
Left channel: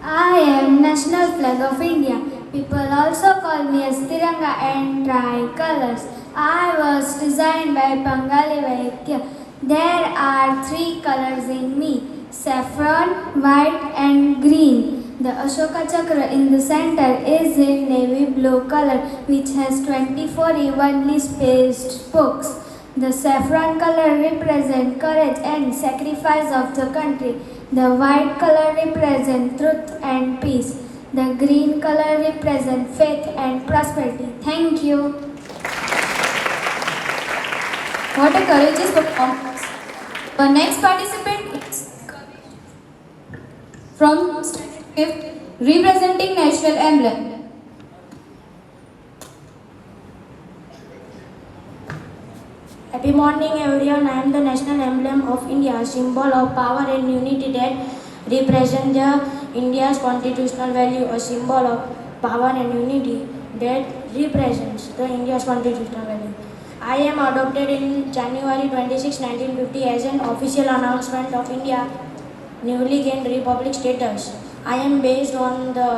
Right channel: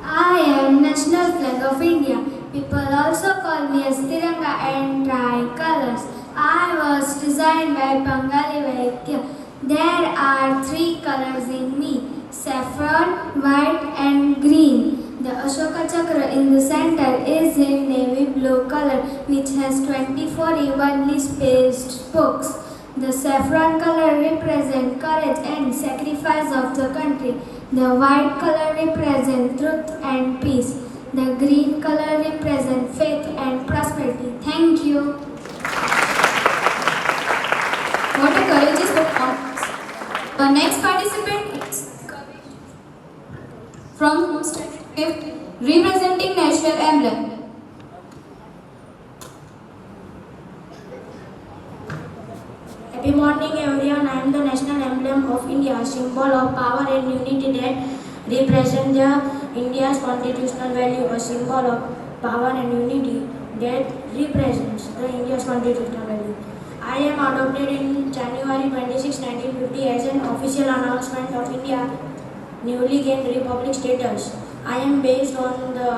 I am national flag of India. People also call me as Tiranga and tricolors. I was designed by Bengali Vaikya. There are 3 colors in me: saffron, white and green. The Ashoka Chakra in the center is in navy blue color, which has 24 evenly spaced spokes. The saffron color represents courage and sacrifice of the country. The white color represents truth and peace. The green color represents faith and prosperity. Thank you. What a courageous performance. The next participant is from Standard 5th, representing national emblem. Happy morning everyone. I am the national emblem of India, a symbol of power and unity that represents India's constitutional value, a symbol of power and unity that represents the India's constitutional value. I am adopted in January 26, 1950 as an official announcement of India newly gained republic status. I am based on the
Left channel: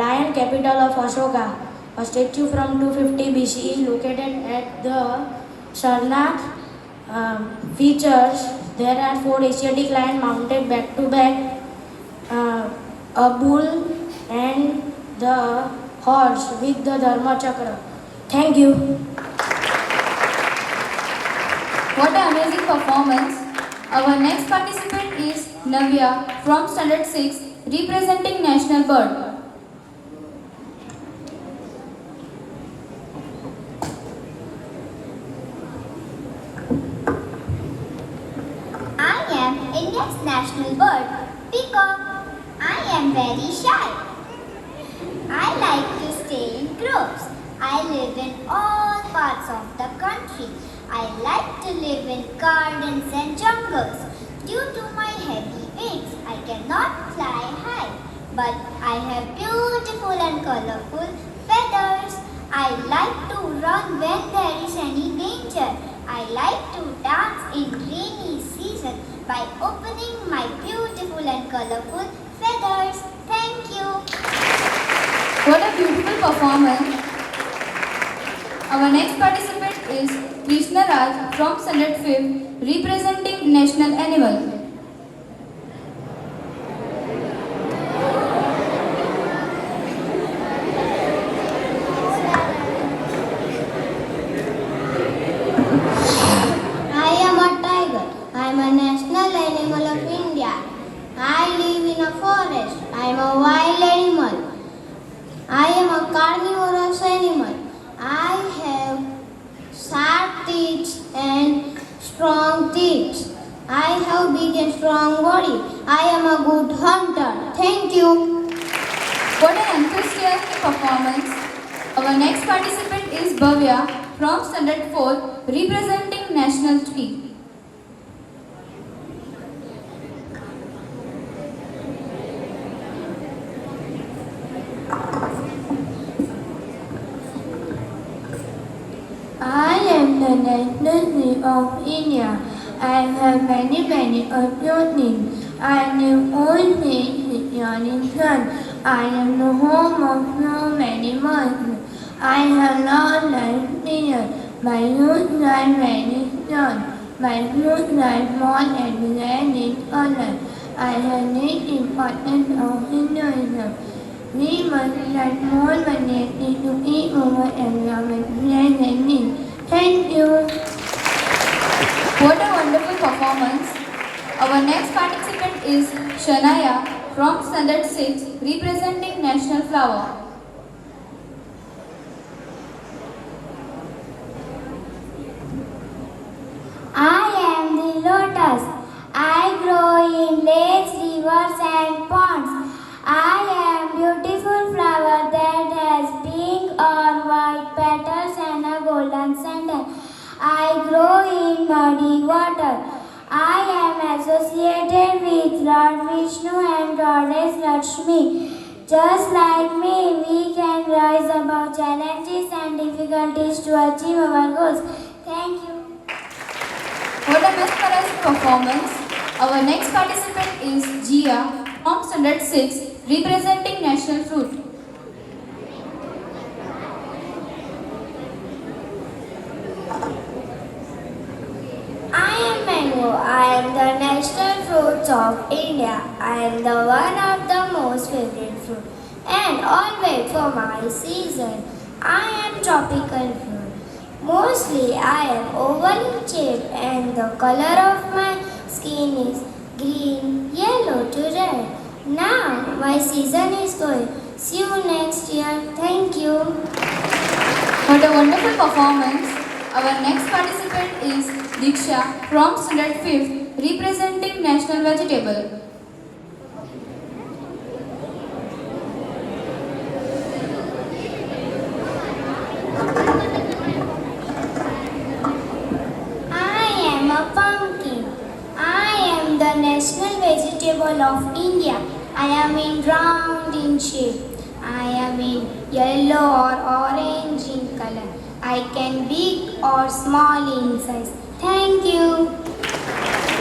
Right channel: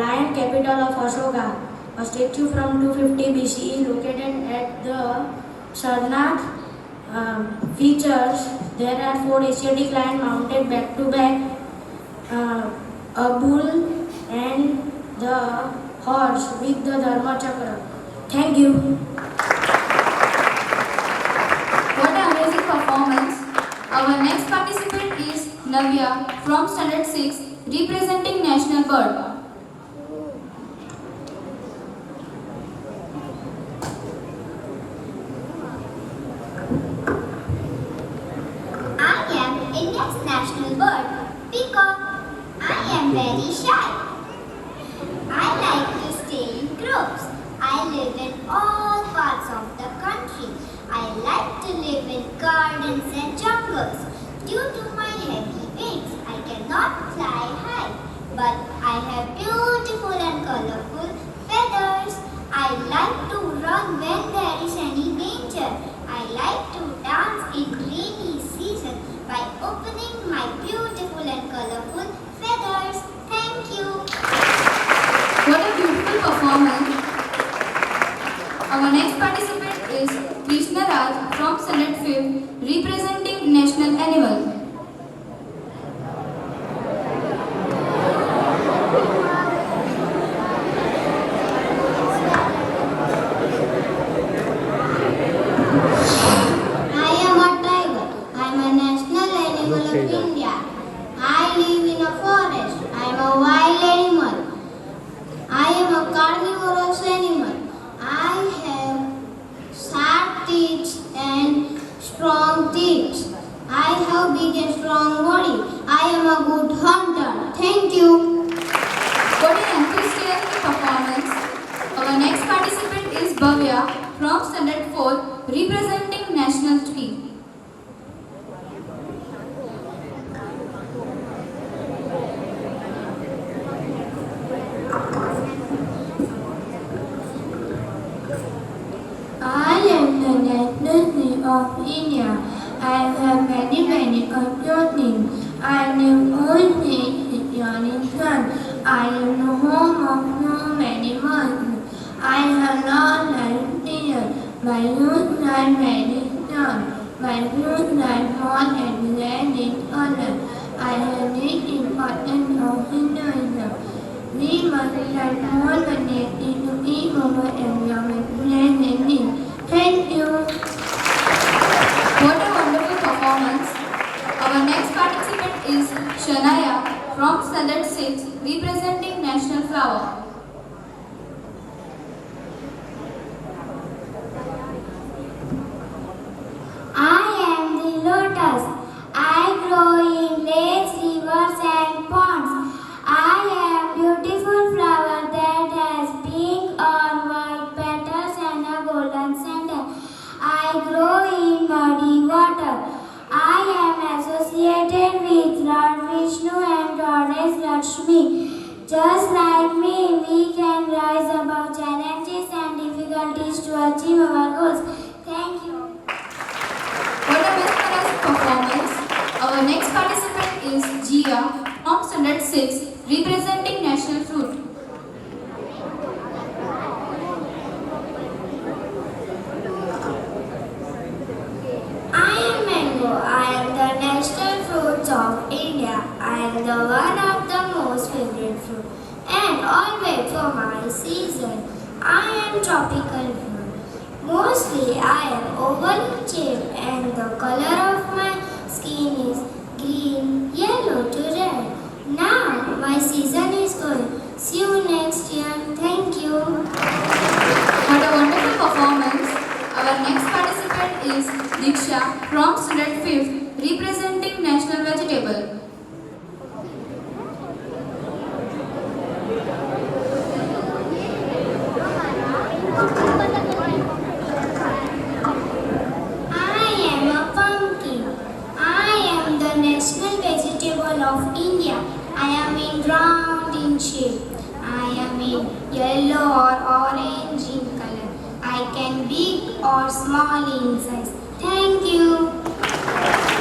lion capital of Ashoka, a statue from 250 BCE located at the Sarnath. Features: there are 4 Asiatic lions mounted back to back, a bull and the horse with the Dharma Chakra. Thank you. What an amazing performance. Our next participant is Navya from Standard 6, representing national bird. I am India's national bird, peacock. I am very shy. I like to stay in groups. I live in all parts of the country. I like to live in gardens and jungles. Due to my heavy wings, I cannot fly high. But I have beautiful and colorful feathers. I like to run when there is any danger. I like to dance in rainy season by opening my beautiful and colorful feathers. Thank you. What a beautiful performance. Our next participant is Krishna Raj from Standard 5th, representing national animal. I am a tiger. I am a national animal of India. I live in a forest. I am a wild animal. I am a carnivorous animal. I have sharp teeth and strong teeth. I have big and strong body. I am a good hunter. Thank you. What an enthusiastic performance. Our next participant is Bhavya from Standard 4, representing national tree. I am the national tree of India. I have many clothing. I live always with yawning sun. I am the home of so many months. I have long life here. My nose line very strong. My nose line more and land in honor. I have need important of Hinduism. We must learn more vanity to eat over environment planning. Thank you. What a wonderful performance. Our next participant is Shanaya from Standard 6, representing National Flower. I am the lotus. I grow in lakes, rivers and ponds. I am beautiful flower that has pink or white petals and a golden center. I grow in muddy water. I am associated with Lord Vishnu and Goddess Lakshmi. Just like me, we can rise above challenges and difficulties to achieve our goals. Thank you. What a mesmerizing performance. Our next participant is Jia from Standard 6, representing National Fruit. I am mango. I am the national fruits of India. I am the one of the most favorite fruit and always for my season. I am tropical fruit. Mostly I am oval in shape and the color of my skin is green, yellow to red. Now my season is going. See you next year. Thank you. What a wonderful performance. Our next participant is Diksha from Standard 5, representing National Vegetable. I am a pumpkin. I am the national vegetable of India. I am in round in shape. I am in yellow or orange in color. I can big or small in size. Thank you.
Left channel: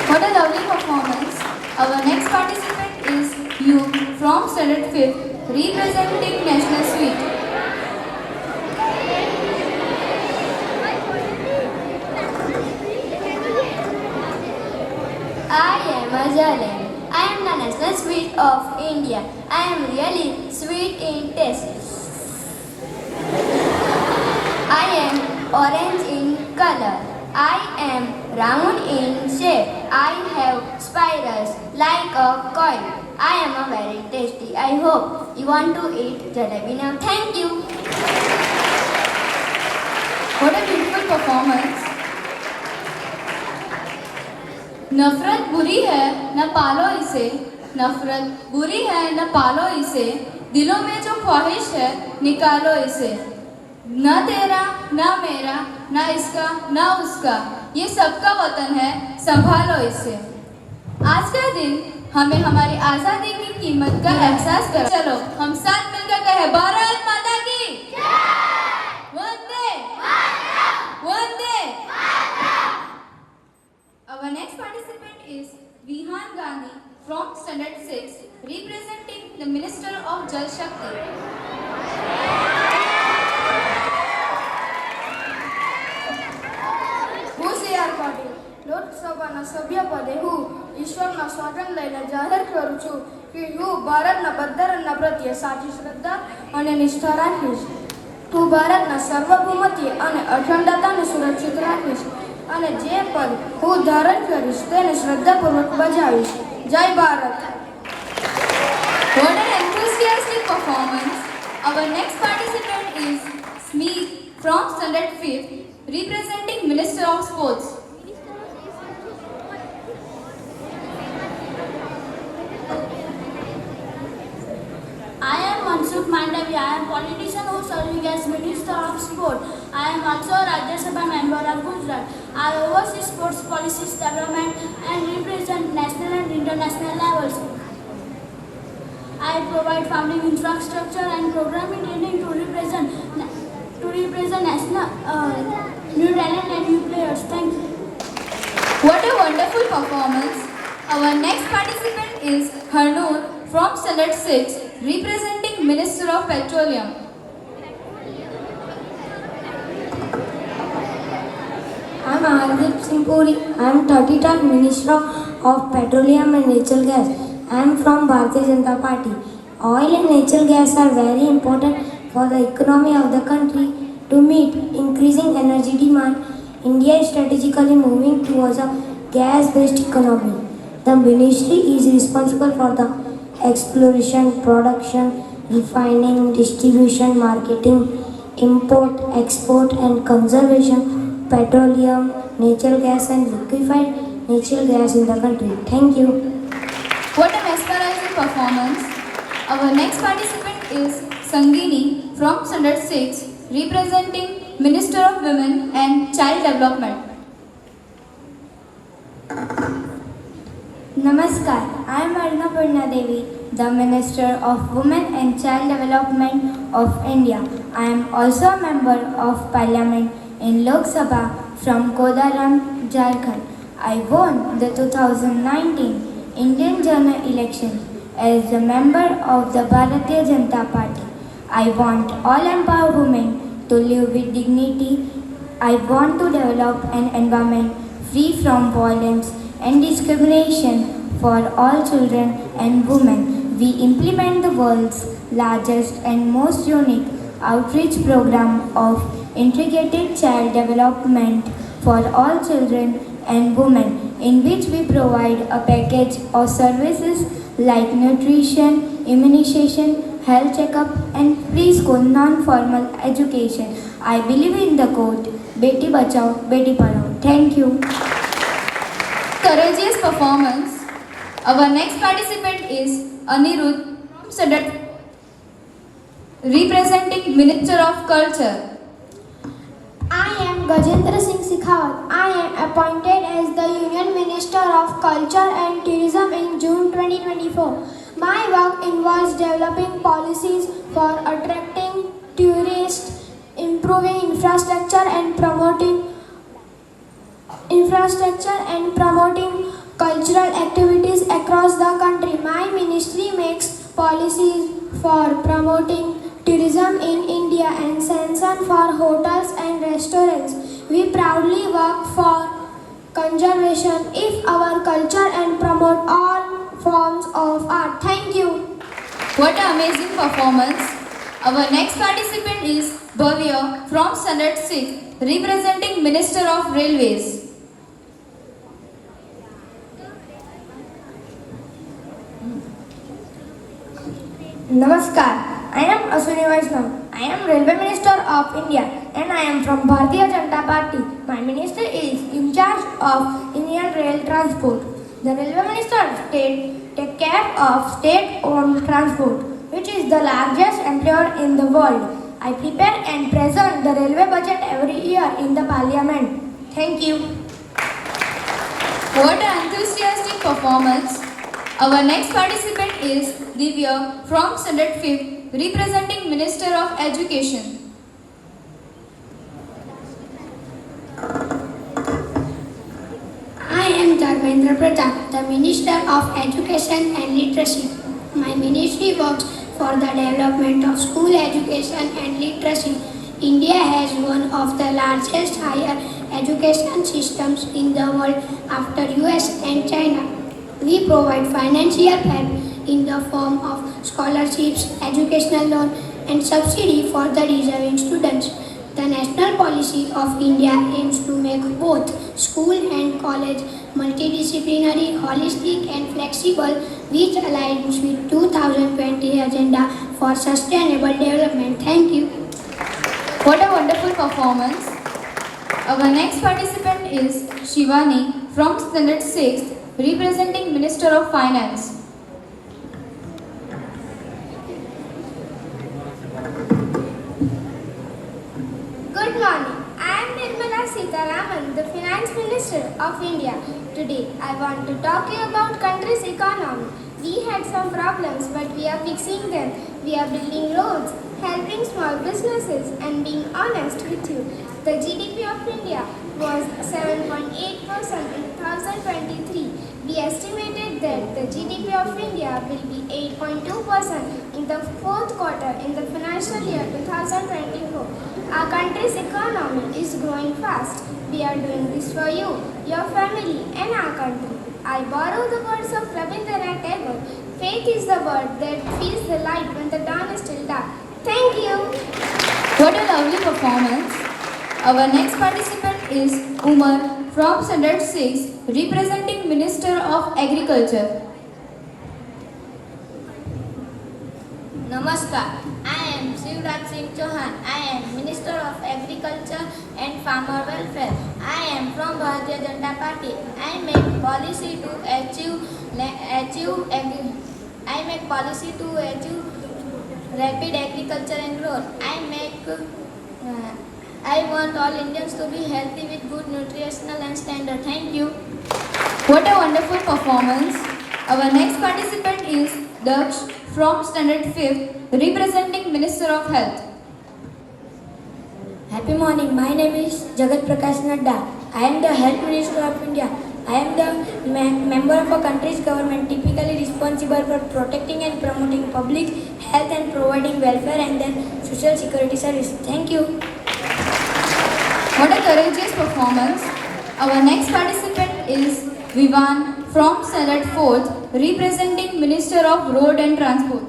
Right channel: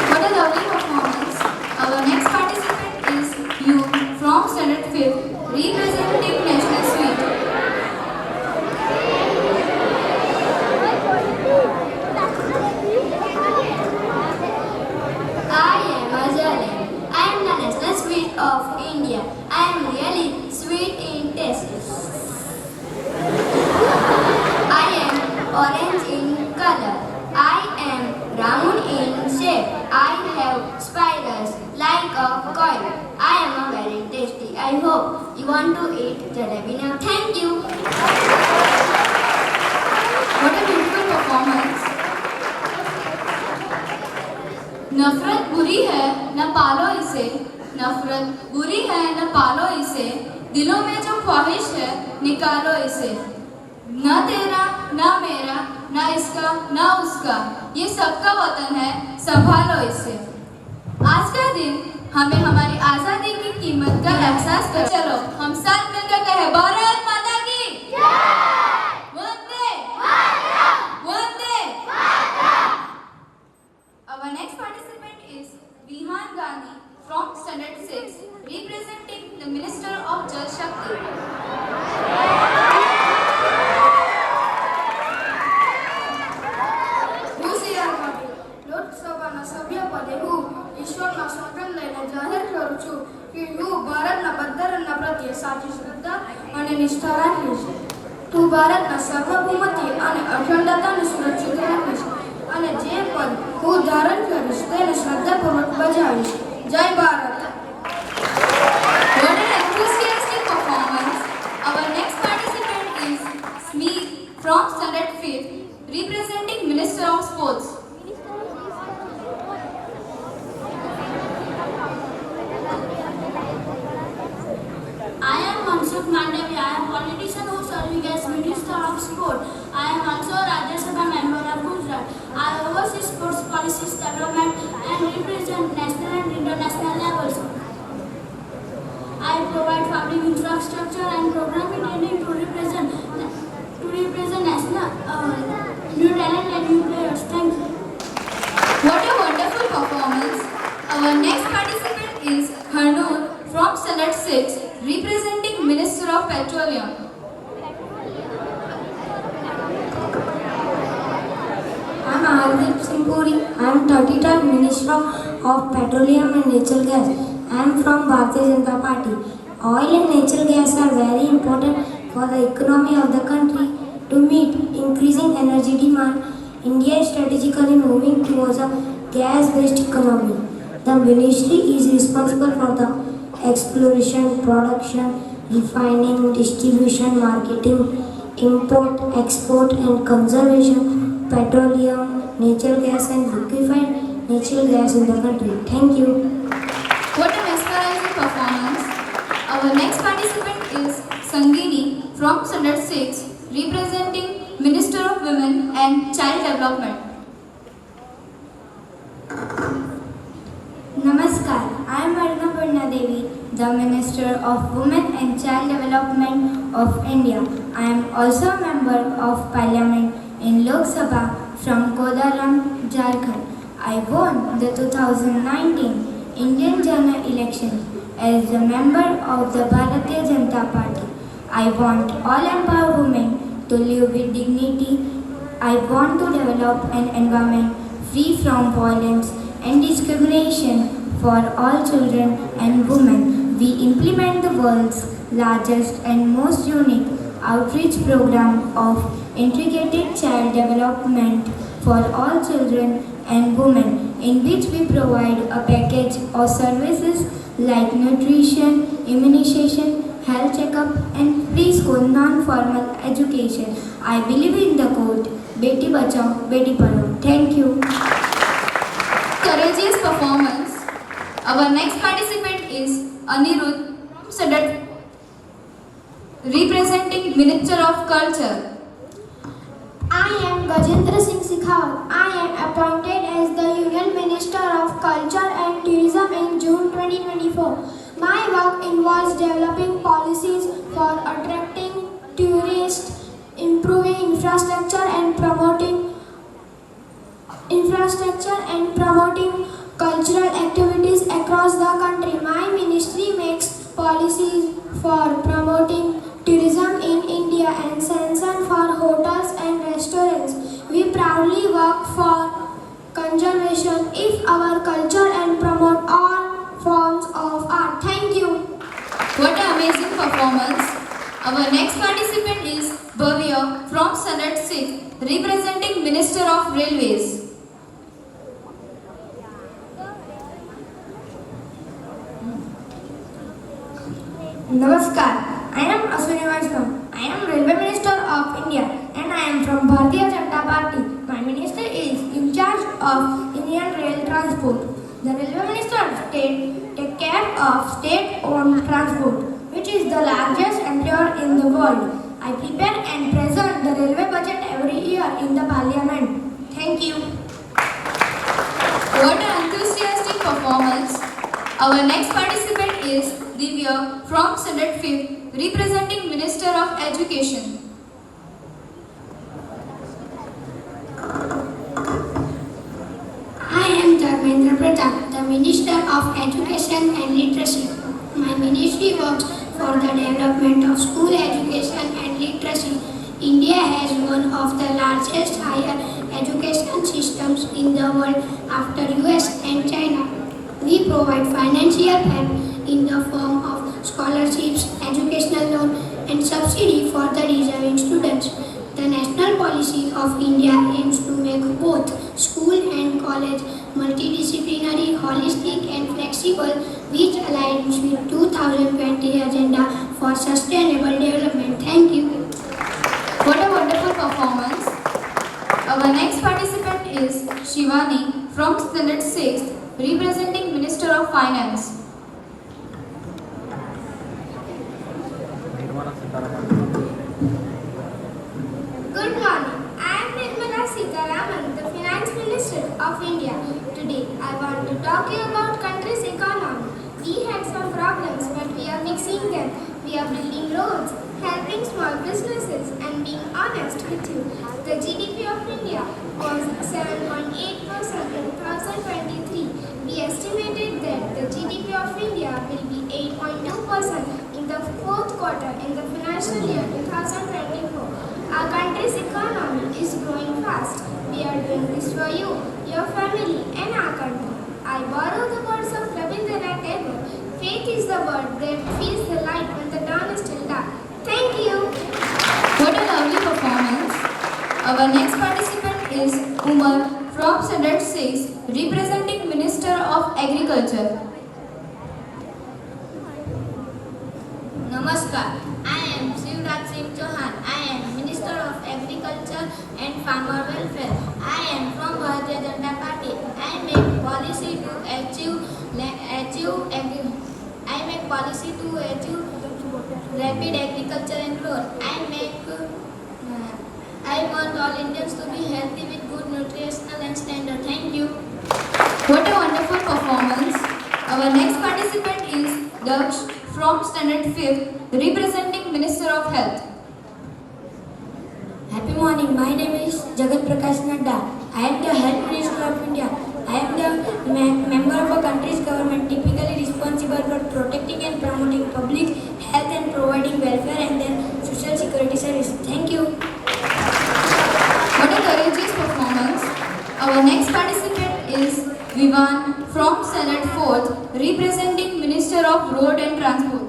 What a lovely performance. Our next participant is Yu from Standard 5, representing National Sweet. I am a Jalen. I am the national sweet of India. I am really sweet in taste. I am orange in color. I am round in shape. I have spirals like a coin. I am a very tasty. I hope you want to eat jalebi now. Thank you. What a beautiful performance. नफरत बुरी है न पालो इसे, नफरत बुरी है न पालो इसे, दिलों में जो ख्वाहिश है निकालो इसे। न तेरा न मेरा न इसका न उसका, ये सबका वतन है, संभालो इसे। आज का दिन हमें हमारी आजादी की कीमत का एहसास कर। चलो हम साथ मिलकर कहें भारत माता की वंदे वंदे। Our next participant is Vihan Gandhi from Standard 6, representing the Minister of Jal Shakti. હું સીઆર પાટીલ લોકસભાના સભ્ય પદે હું ઈશ્વરના સ્વાગત લઈને જાહેર કરું છું કે હું ભારતના બંધારણના પ્રત્યે સાચી શ્રદ્ધા અને નિષ્ઠા રાખીશ. હું ભારતના સાર્વભૌમત્વ અને અખંડતાને સુરક્ષિત રાખીશ અને જે પદ હું ધારણ કરીશ તેને શ્રદ્ધાપૂર્વક બજાવીશ. જય Bharat. What an enthusiastic performance. Our next participant is Smeet from Standard 5, representing Minister of Sports. I am Mansukh Mandavi. I am politician who serving as Minister of Sport. I am also Rajya Sabha member of Gujarat. I oversee sports policies development and represent national and international levels. I provide founding infrastructure and programming training to represent national new talent and new players. Thank you. What a wonderful performance. Our next participant is Harnoor from Standard 6, representing Minister of Petroleum. Ashim Puri. I am 30th Minister of Petroleum and Natural Gas. I am from Bharatiya Janata Party. Oil and natural gas are very important for the economy of the country. To meet increasing energy demand, India is strategically moving towards a gas-based economy. The ministry is responsible for the exploration, production, refining, distribution, marketing, import, export and conservation, petroleum, natural gas and liquefied natural gas in the country. Thank you. What a mesmerizing performance. Our next participant is Sangini from Standard 6, representing Minister of Women and Child Development. Namaskar, I am Arnapurna Devi, the Minister of Women and Child Development of India. I am also a member of Parliament in Lok Sabha from Kodaram, Jharkhand. I won the 2019 Indian General Election as a member of the Bharatiya Janata Party. I want all empowered women to live with dignity. I want to develop an environment free from violence and discrimination for all children and women. We implement the world's largest and most unique outreach program of integrated child development for all children and women, in which we provide a package of services like nutrition, immunization, health checkup and preschool non-formal education. I believe in the quote, Beti Bachao, Beti Padhao. Thank you. Courageous performance. Our next participant is Anirudh from Sadat, representing Minister of Culture. I am Gajendra Singh Shekhawat. I am appointed as the Union Minister of Culture and Tourism in June 2024. My work involves developing policies for attracting tourists, improving infrastructure and promoting cultural activities across the country. My ministry makes policies for promoting tourism in India and sanction for hotels and restaurants. We proudly work for conservation of our culture and promote all forms of art. Thank you. What an amazing performance. Our next participant is Bhavya from Standard 6, representing Minister of Railways. Namaskar, I am Aswini Vaishnav. I am Railway Minister of India and I am from Bharatiya Janata Party. My minister is in charge of Indian Rail Transport. The Railway Minister takes care of state-owned transport, which is the largest employer in the world. I prepare and present the railway budget every year in the Parliament. Thank you. What an enthusiastic performance. Our next participant is Divya from Standard 5, representing Minister of Education. I am Dharmendra Pradhan, the Minister of Education and Literacy. My ministry works for the development of school education and literacy. India has one of the largest higher education systems in the world after US and China. We provide financial help in the form of scholarships, educational loan and subsidy for the deserving students. The national policy of India aims to make both school and college multidisciplinary, holistic and flexible, which aligns with 2020 Agenda for Sustainable Development. Thank you. What a wonderful performance. Our next participant is Shivani from Standard 6, representing Minister of Finance. Good morning. I am Nirmala Sitharaman, the Finance Minister of India. Today, I want to talk to you about country's economy. We had some problems, but we are fixing them. We are building roads, helping small businesses, and being honest with you. The GDP of India was 7.8% in 2023. We estimated that the GDP of India will be 8.2% in the fourth quarter in the financial year 2024. Our country's economy is growing fast. We are doing this for you. your family, and our country. I borrow the words of Rabindranath Tagore. Faith is the word that feeds the light when the dawn is still dark. Thank you. What a lovely performance. Our next participant is Umar from Standard 6, representing Minister of Agriculture. Namaskar. I am Shivraj Singh Chauhan. I am Minister of Agriculture and Farmer Welfare. I am from Bharatiya Janata Party. I make policy to achieve rapid agriculture and growth. I want all Indians to be healthy with good nutritional and standard. Thank you. What a wonderful performance. Our next participant is Daksh from Standard 5, representing Minister of Health. Happy morning. My name is Jagat Prakash Nadda. I am the Health Minister of India. I am the member of a country's government typically responsible for protecting and promoting public health and providing welfare and then social security services. Thank you. What a courageous performance. Our next participant is Vivan from Standard 4, representing Minister of Road and Transport.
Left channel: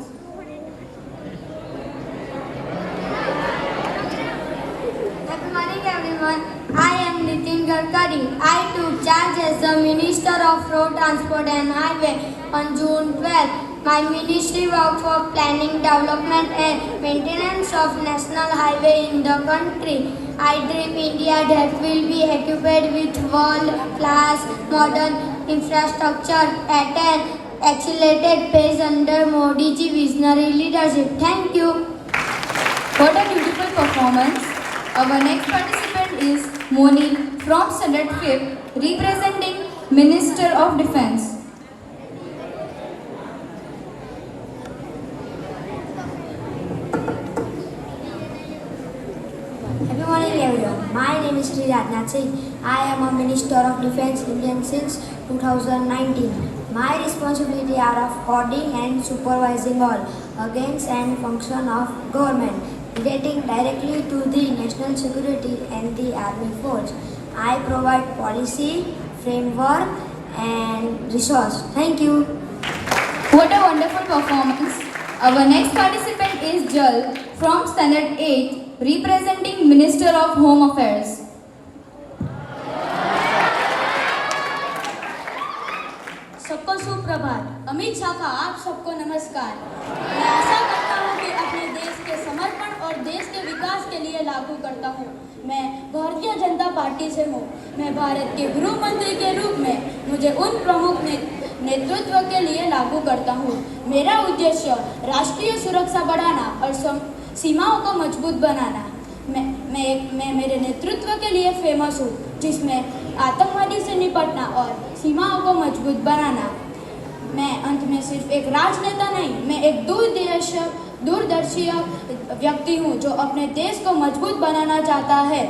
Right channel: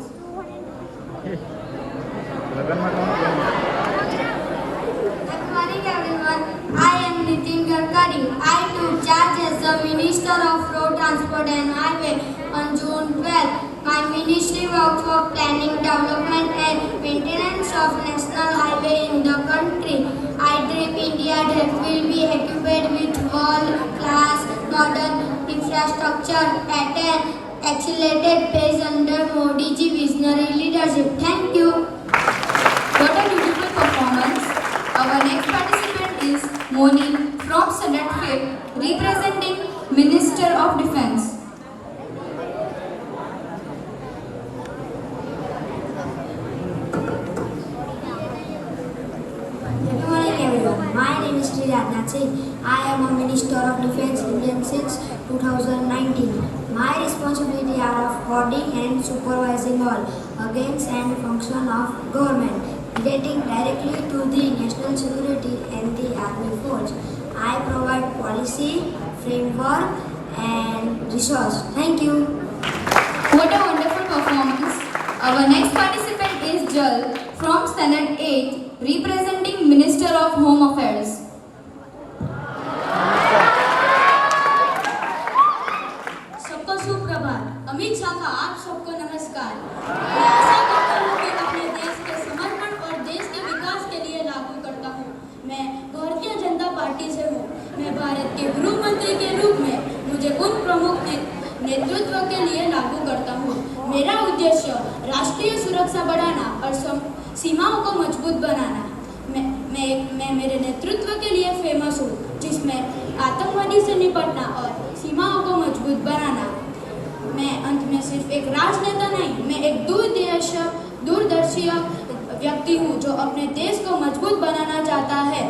Good morning everyone. I am Nitin Gadkari. I took charge as the Minister of Road Transport and Highway on June 12. My ministry works for planning, development and maintenance of national highway in the country. I dream India that will be equipped with world-class modern infrastructure at an accelerated pace under Modi ji visionary leadership. Thank you. What a beautiful performance. Our next participant is Moni from Standard 5, representing Minister of Defence. Good morning everyone. My name is Sri Rajnath Singh. I am a Minister of Defence Indian since 2019. My responsibility are of coordinating and supervising all organs and function of government relating directly to the national security and the army force. I provide policy, framework and resource. Thank you. What a wonderful performance. Our next participant is Jal from Standard 8, representing Minister of Home Affairs. सबको सुप्रभात। अमित शाह का आप सबको नमस्कार। मैं आशा करता हूँ कि अपने देश के समर्पण और देश के विकास के लिए लागू करता हूँ। मैं भारतीय जनता पार्टी से हूँ। मैं भारत के गृह मंत्री के रूप में मुझे उन प्रमुख नेतृत्व के लिए लागू करता हूँ। मेरा उद्देश्य राष्ट्रीय सुरक्षा बढ़ाना और सीमाओं को मजबूत बनाना। मैं मेरे नेतृत्व के लिए फेमस हूँ, जिसमें आतंकवादी से निपटना और सीमाओं को मजबूत बनाना। मैं अंत में सिर्फ एक राजनेता नहीं, मैं एक दूरदर्शी व्यक्ति हूँ जो अपने देश को मजबूत बनाना चाहता है।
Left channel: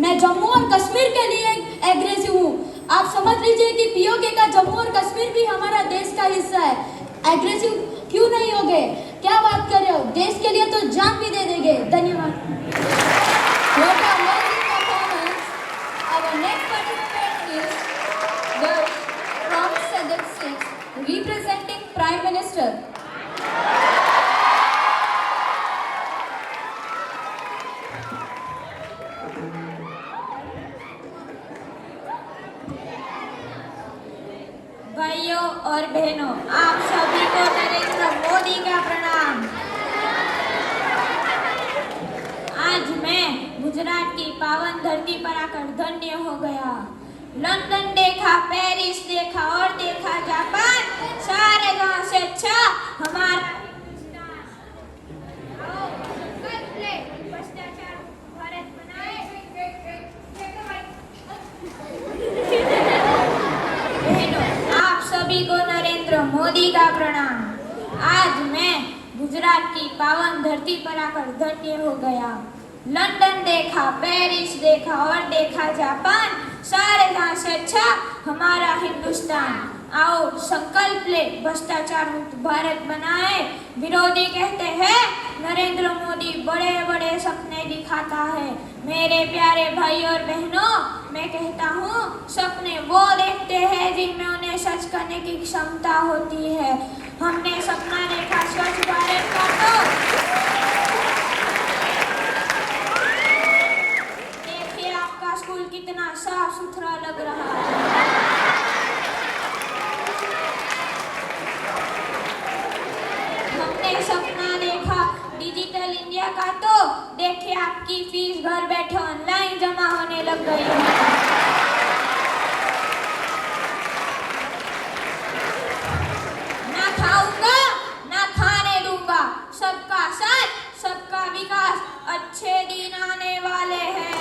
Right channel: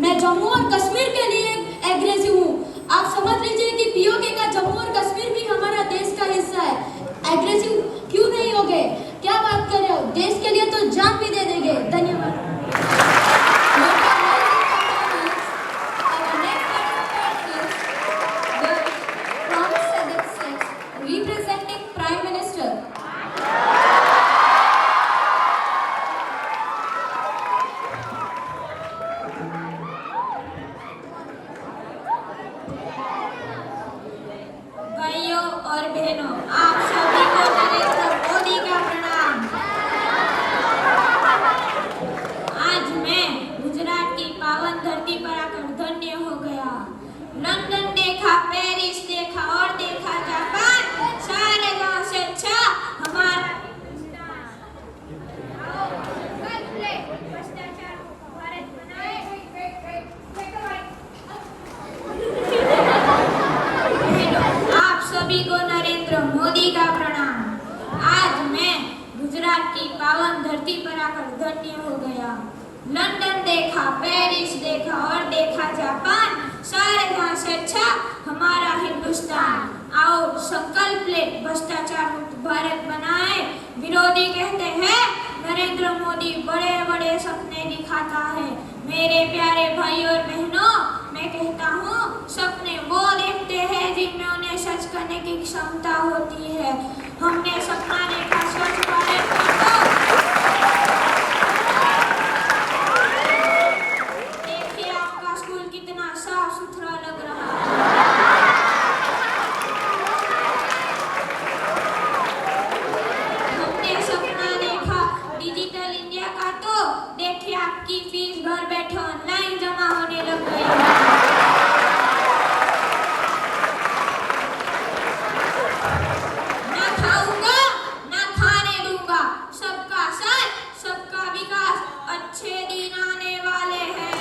मैं जम्मू और कश्मीर के लिए एग्रेसिव हूँ। आप समझ लीजिए कि पीओके का जम्मू और कश्मीर भी हमारा देश का हिस्सा है। एग्रेसिव क्यों नहीं होगे? क्या बात कर रहे हो? देश के लिए तो जान भी दे देंगे। धन्यवाद। Representing Prime Minister. भाइयों और बहनों, आप सभी को नरेंद्र मोदी का प्रणाम। आज मैं गुजरात की पावन धरती पर आकर धन्य हो गया। लंदन देखा, पेरिस देखा और देखा जापान, सारे गांव से अच्छा हमारा भ्रष्टाचार भारत बनाए। आप सभी को नरेंद्र मोदी का प्रणाम। आज मैं गुजरात की पावन धरती पर आकर धन्य हो गया। लंदन देखा, पेरिस देखा और देखा जापान, सारे जहां से अच्छा हमारा हिंदुस्तान। आओ संकल्प ले भ्रष्टाचार मुक्त भारत बनाए। विरोधी कहते हैं नरेंद्र मोदी बड़े बड़े सपने दिखाता है। मेरे प्यारे भाई और बहनों, मैं कहता हूँ सपने वो देखते हैं जिनमें उन्हें सच करने की क्षमता होती है। हमने सपना देखा स्वच्छ भारत का, देखिए आपका स्कूल कितना साफ सुथरा लग रहा है। हमने सपना देखा डिजिटल इंडिया का, तो देखिए आपकी फीस घर बैठे ऑनलाइन जमा होने लग गई है। ना खाऊंगा ना खाने दूंगा, सबका साथ सबका विकास, अच्छे दिन आने वाले हैं।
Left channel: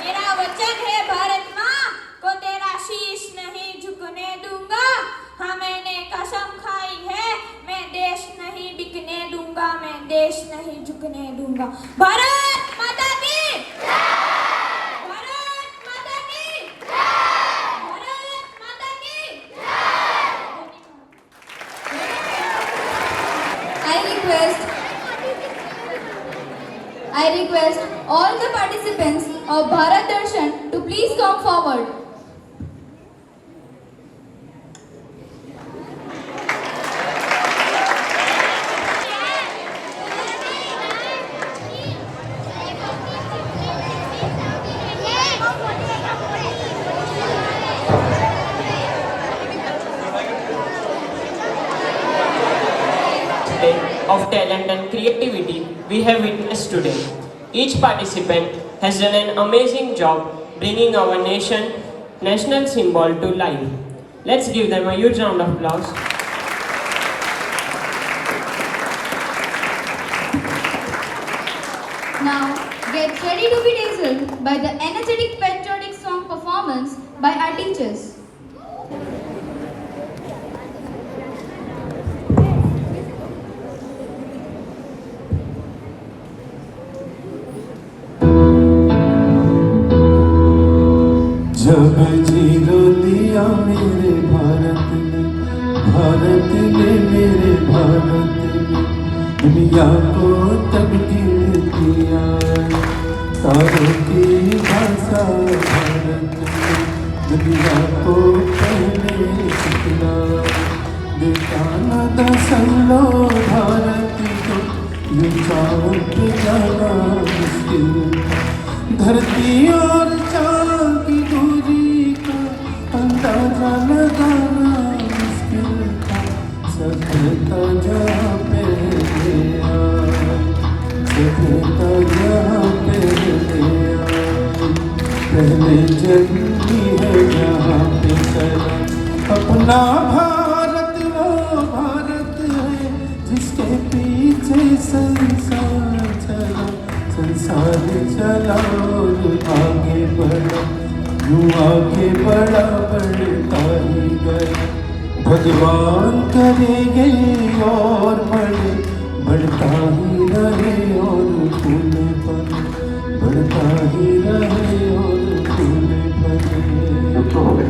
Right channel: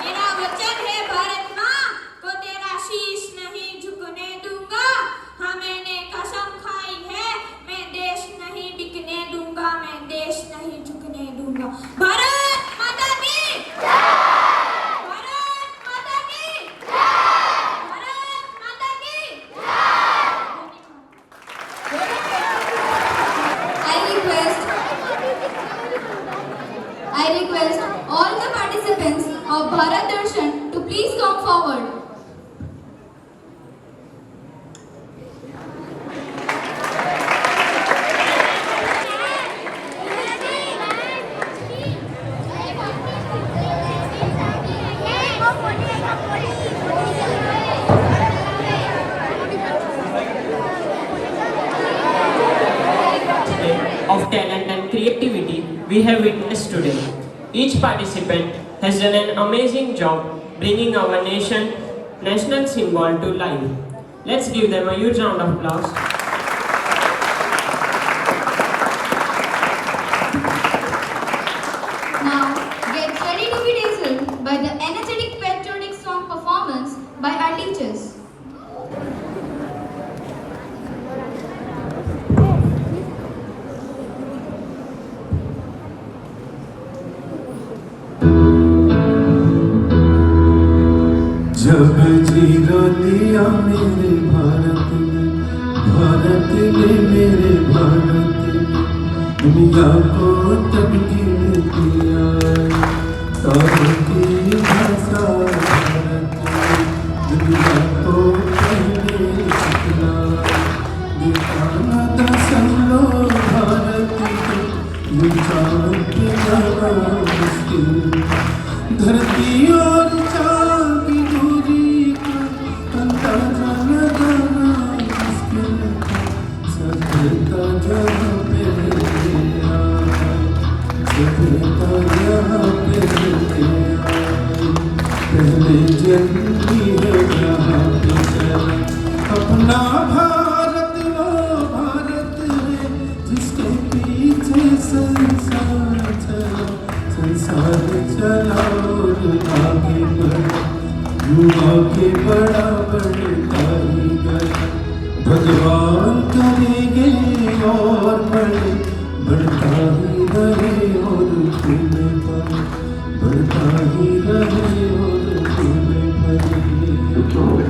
मेरा वचन है भारत माँ को तेरा शीश नहीं झुकने दूंगा। हाँ मैंने कसम खाई है, मैं देश नहीं बिकने दूंगा, मैं देश नहीं झुकने दूंगा। भारत माता की जय! भारत माता की जय! भारत माता की I request all the participants of Bharat Darshan to please come forward. Of talent and creativity we have witnessed today. Each participant has done an amazing job bringing our national symbol to life. Let's give them a huge round of applause. Now get ready to be dazzled by the energetic patriotic song performance by our teachers. जब zero दिया मेरे भारत ने मेरे भारत ने दुनिया को तकदीर दिया। तारों की भाषा भारत ने दुनिया को पहले सिखला। दिखाना दसलो भारत को ये चाँद जाना मुश्किल। धरती और चाँद की दूरी का अंदाजा लगाना मुश्किल। सभ्यता जहाँ पे आई, सभ्यता जहाँ पे आई, पहले जन्मी है जहाँ पे चला। अपना भारत वो भारत है जिसके पीछे संसार चला। संसार चला और आगे बढ़ा, यूं आगे बढ़ा बढ़ता ही गया। भगवान करेंगे और बढ़े, बढ़ता ही रहे और फूले पड़े, बढ़ता ही रहे और फूले पड़े।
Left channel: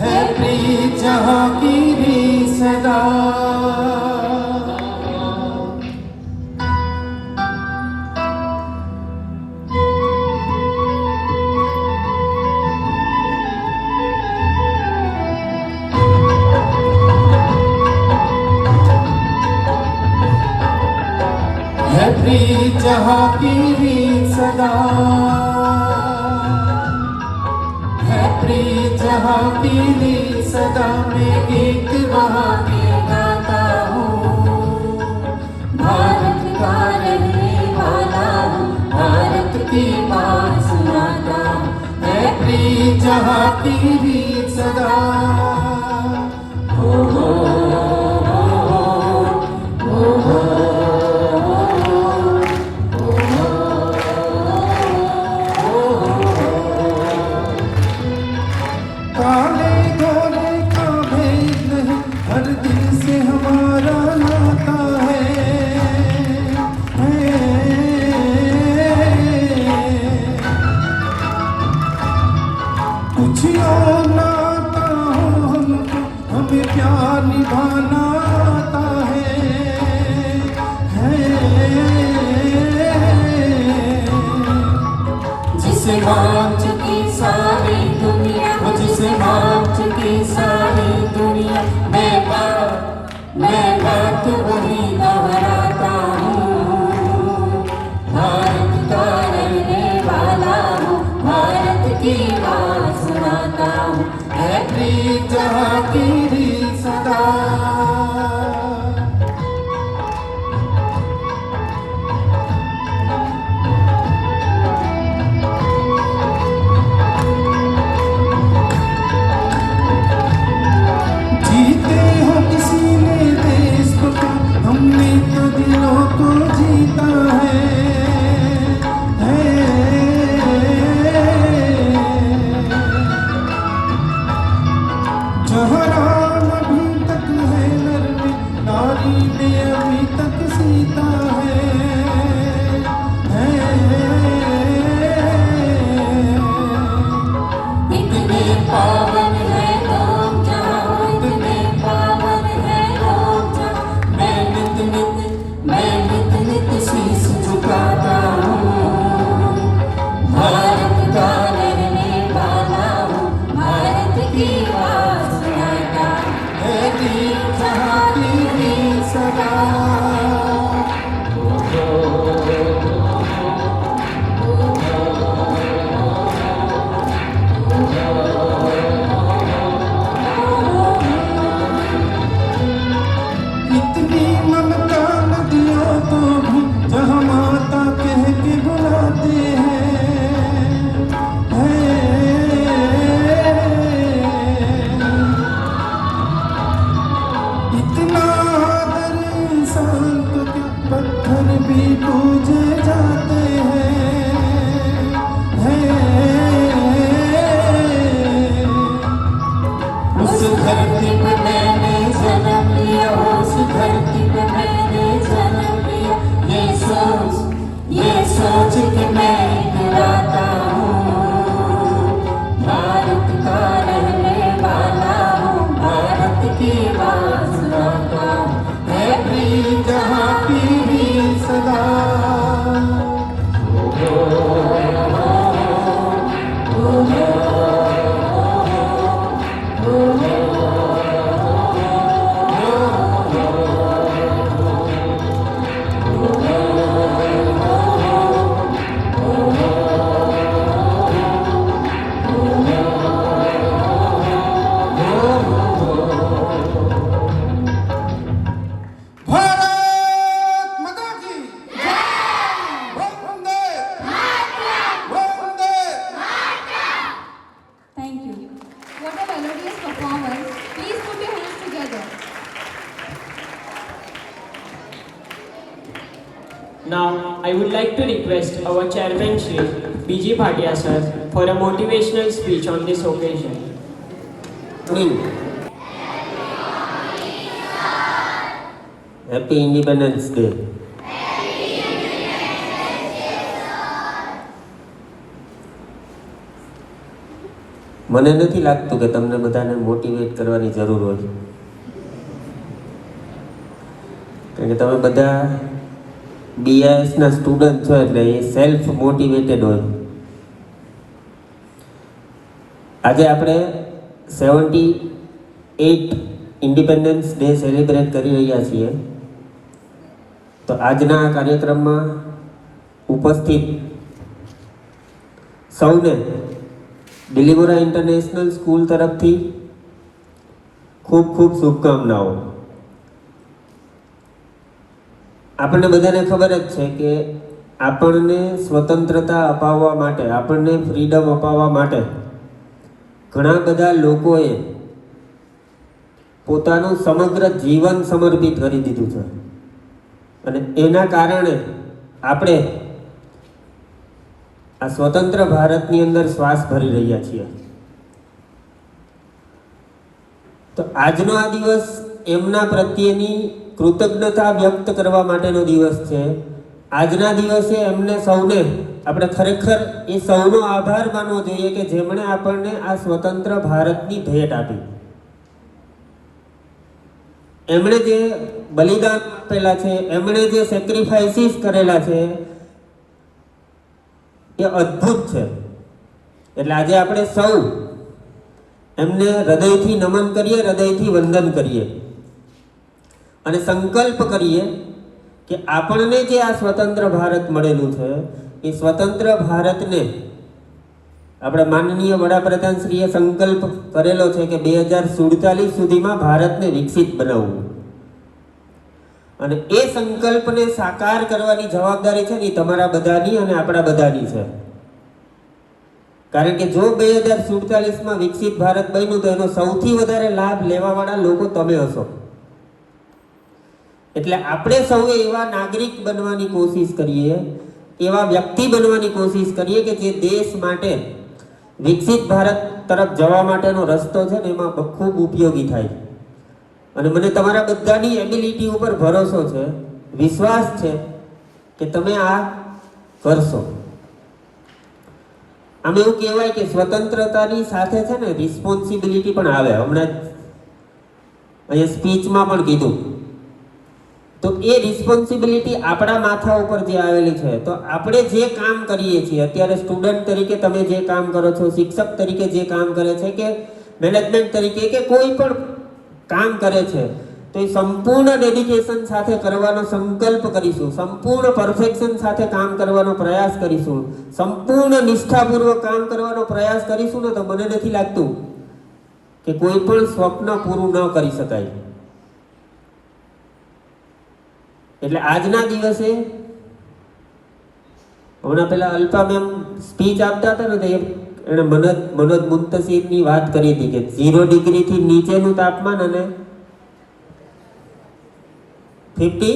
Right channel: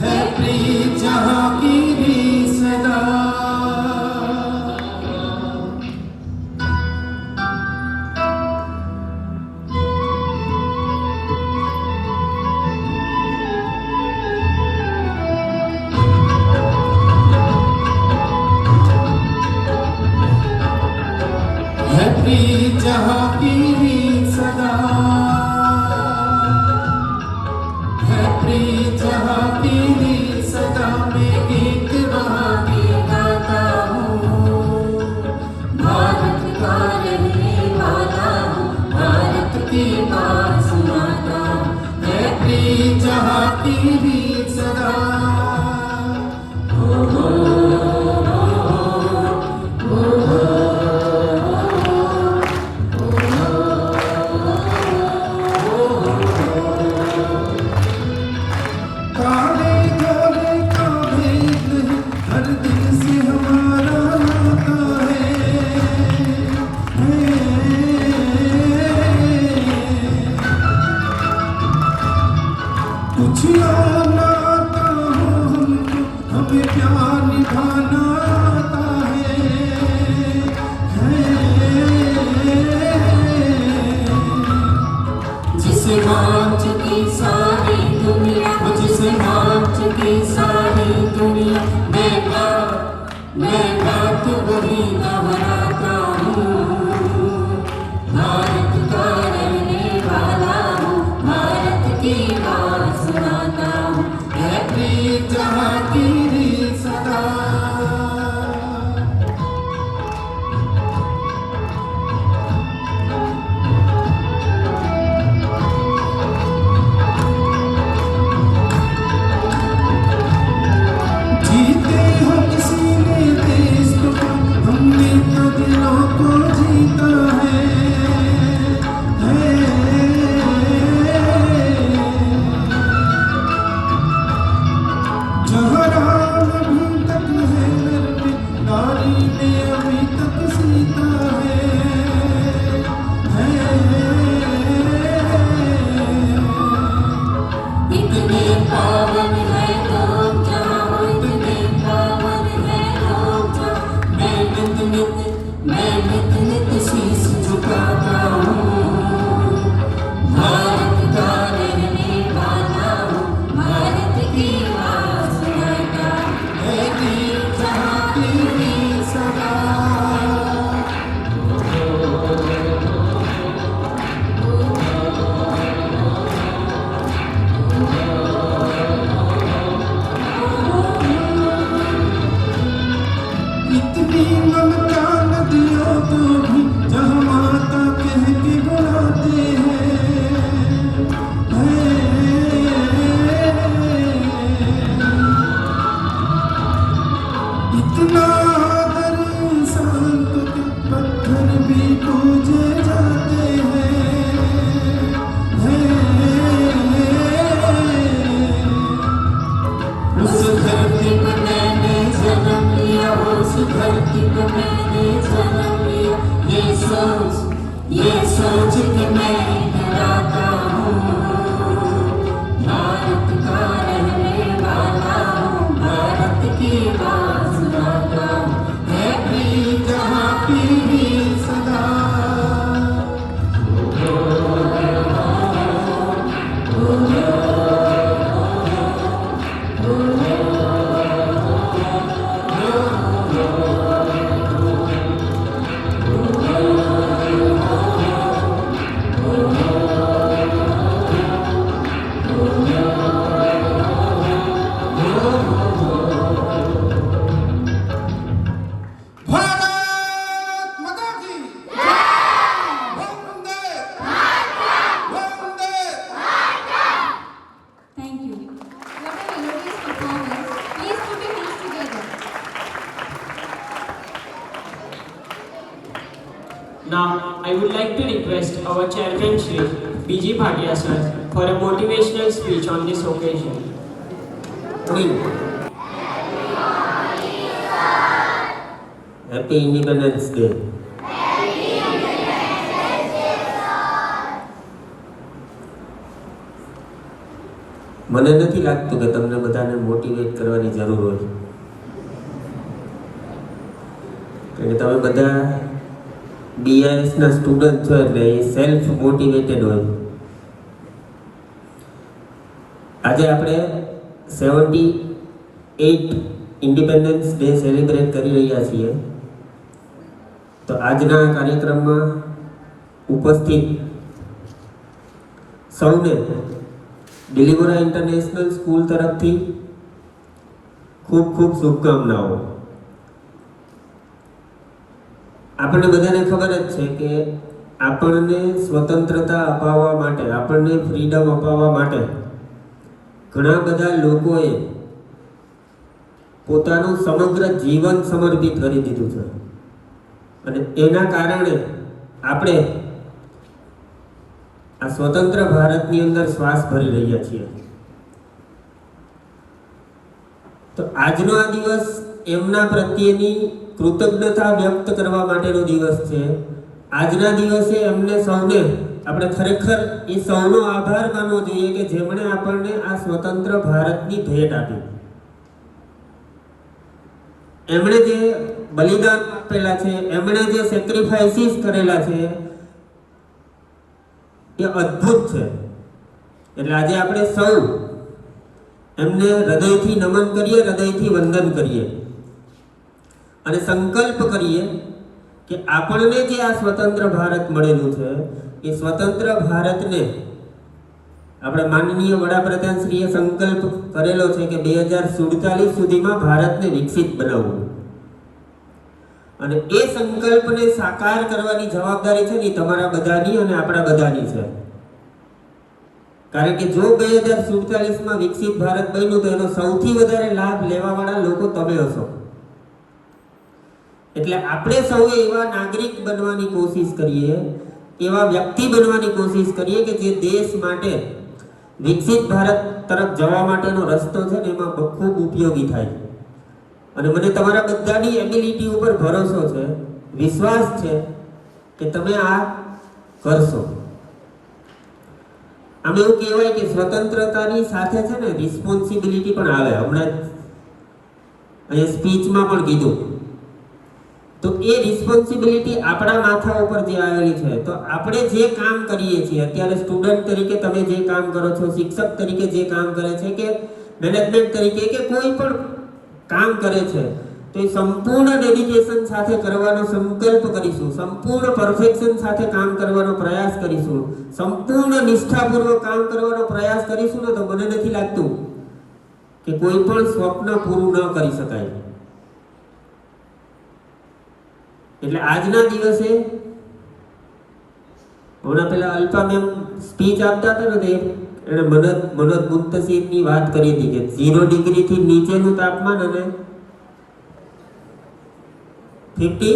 है प्रीत जहाँ की भी सदा, है प्रीत जहाँ की भी सदा, है प्रीत जहाँ की भी सदा। मैं गीत वहाँ के गाता हूँ, भारत का रहने वाला हूँ, भारत की बात सुनाता हूँ। है प्रीत जहाँ की भी सदा। काले सोच के मैं इतराता हूँ, भारत का रहने वाला हूँ, भारत की बात सुनाता हूँ, है प्रिय जहाँ की भी सदा। भारत माता की वंदे वंदे। Thank you. What a melodious performance. Please put your hands together. Now, I would like to request our chairman Shri B.G. Bhatia sir for a motivational speech on this occasion. Happy Independence Day. મને નથી લાગતું કે તમને બધાને motivate કરવાની જરૂર હોય, કારણ કે તમે બધા બીઆઈએસના સ્ટુડન્ટ છો એટલે એ સેલ્ફ મોટિવેટેડ હોય. આજે આપણે 78 ઇન્ડિપેન્ડન્સ ડે સેલિબ્રેટ કરી રહ્યા છીએ. તો આજના કાર્યક્રમમાં ઉપસ્થિત સૌને ડિલિવરા ઇન્ટરનેશનલ સ્કૂલ તરફથી ખૂબ ખૂબ શુભકામનાઓ. આપણને બધાને ખબર જ છે કે આપણને સ્વતંત્રતા અપાવવા માટે, આપણને ફ્રીડમ અપાવવા માટે ઘણા બધા લોકોએ પોતાનું સમગ્ર જીવન સમર્પિત કરી દીધું છે અને એના કારણે આપણે આ સ્વતંત્ર ભારતની અંદર શ્વાસ ભરી રહ્યા છીએ. તો આજનો આ દિવસ એમના પ્રત્યેની કૃતજ્ઞતા વ્યક્ત કરવા માટેનો દિવસ છે. આજના દિવસે એમને સૌને આપણે ખરેખર એ સૌનો આભાર માનવો જોઈએ કે જેમણે આપણને આ સ્વતંત્ર ભારતની ભેટ આપી. એમણે જે બલિદાન આપેલા છે, એમણે જે સેક્રિફાઈસીસ કરેલા છે એ અદ્ભુત છે. એટલે આજે આપણે સૌ એમને હૃદયથી નમન કરીએ, હૃદયથી વંદન કરીએ અને સંકલ્પ કરીએ કે આપણને જે આ સ્વતંત્ર ભારત મળેલું છે એ સ્વતંત્ર ભારતને આપણા માનનીય વડાપ્રધાન શ્રીએ સંકલ્પ કરેલો છે કે 2047 સુધીમાં ભારતને વિકસિત બનાવવું, અને એ સંકલ્પને સાકાર કરવાની જવાબદારી છે ને તમારા બધાની અને આપણા બધાની છે. કારણ કે જો 2047માં વિકસિત ભારત બન્યું તો એનો સૌથી વધારે લાભ લેવાવાળા લોકો તમે હશો. એટલે આપણે સૌએ એવા નાગરિક બનવાની કોશિશ કરીએ, એવા વ્યક્તિ બનવાની કોશિશ કરીએ કે જે દેશ માટે વિકસિત ભારત તરફ જવા માટેનો રસ્તો છે ને એમાં ખૂબ ઉપયોગી થાય. અને મને તમારા બધાની એબિલિટી ઉપર ભરોસો છે, વિશ્વાસ છે કે તમે આ કરશો. આમ એવું કહેવાય કે સ્વતંત્રતાની સાથે છે ને રિસ્પોન્સિબિલિટી પણ આવે. હમણાં અહીંયા સ્પીચમાં પણ કીધું. તો એ રિસ્પોન્સિબિલિટી આપણા માથા ઉપર જે આવેલી છે, તો આપણે જે કામ કરીએ છીએ અત્યારે, સ્ટુડન્ટ તરીકે તમે જે કામ કરો છો, શિક્ષક તરીકે જે કામ કરે છે, કે મેનેજમેન્ટ તરીકે કે કોઈ પણ કામ કરે છે, તો એ સંપૂર્ણ ડેડિકેશન સાથે કરવાનો સંકલ્પ કરીશું, સંપૂર્ણ પરફેક્શન સાથે કામ કરવાનો પ્રયાસ કરીશું, સંપૂર્ણ નિષ્ઠાપૂર્વક કામ કરવાનો પ્રયાસ કરીશું ને તો મને નથી લાગતું કે કોઈ પણ સ્વપ્ન પૂરું ન કરી શકાય. એટલે આજના દિવસે હમણાં પેલા અલ્પા મેમ સ્પીચ આપતા હતા ને તો એને મનોજ મુંતશીરની વાત કરી હતી કે 0 ડિગ્રીથી નીચેનું તાપમાન અને 50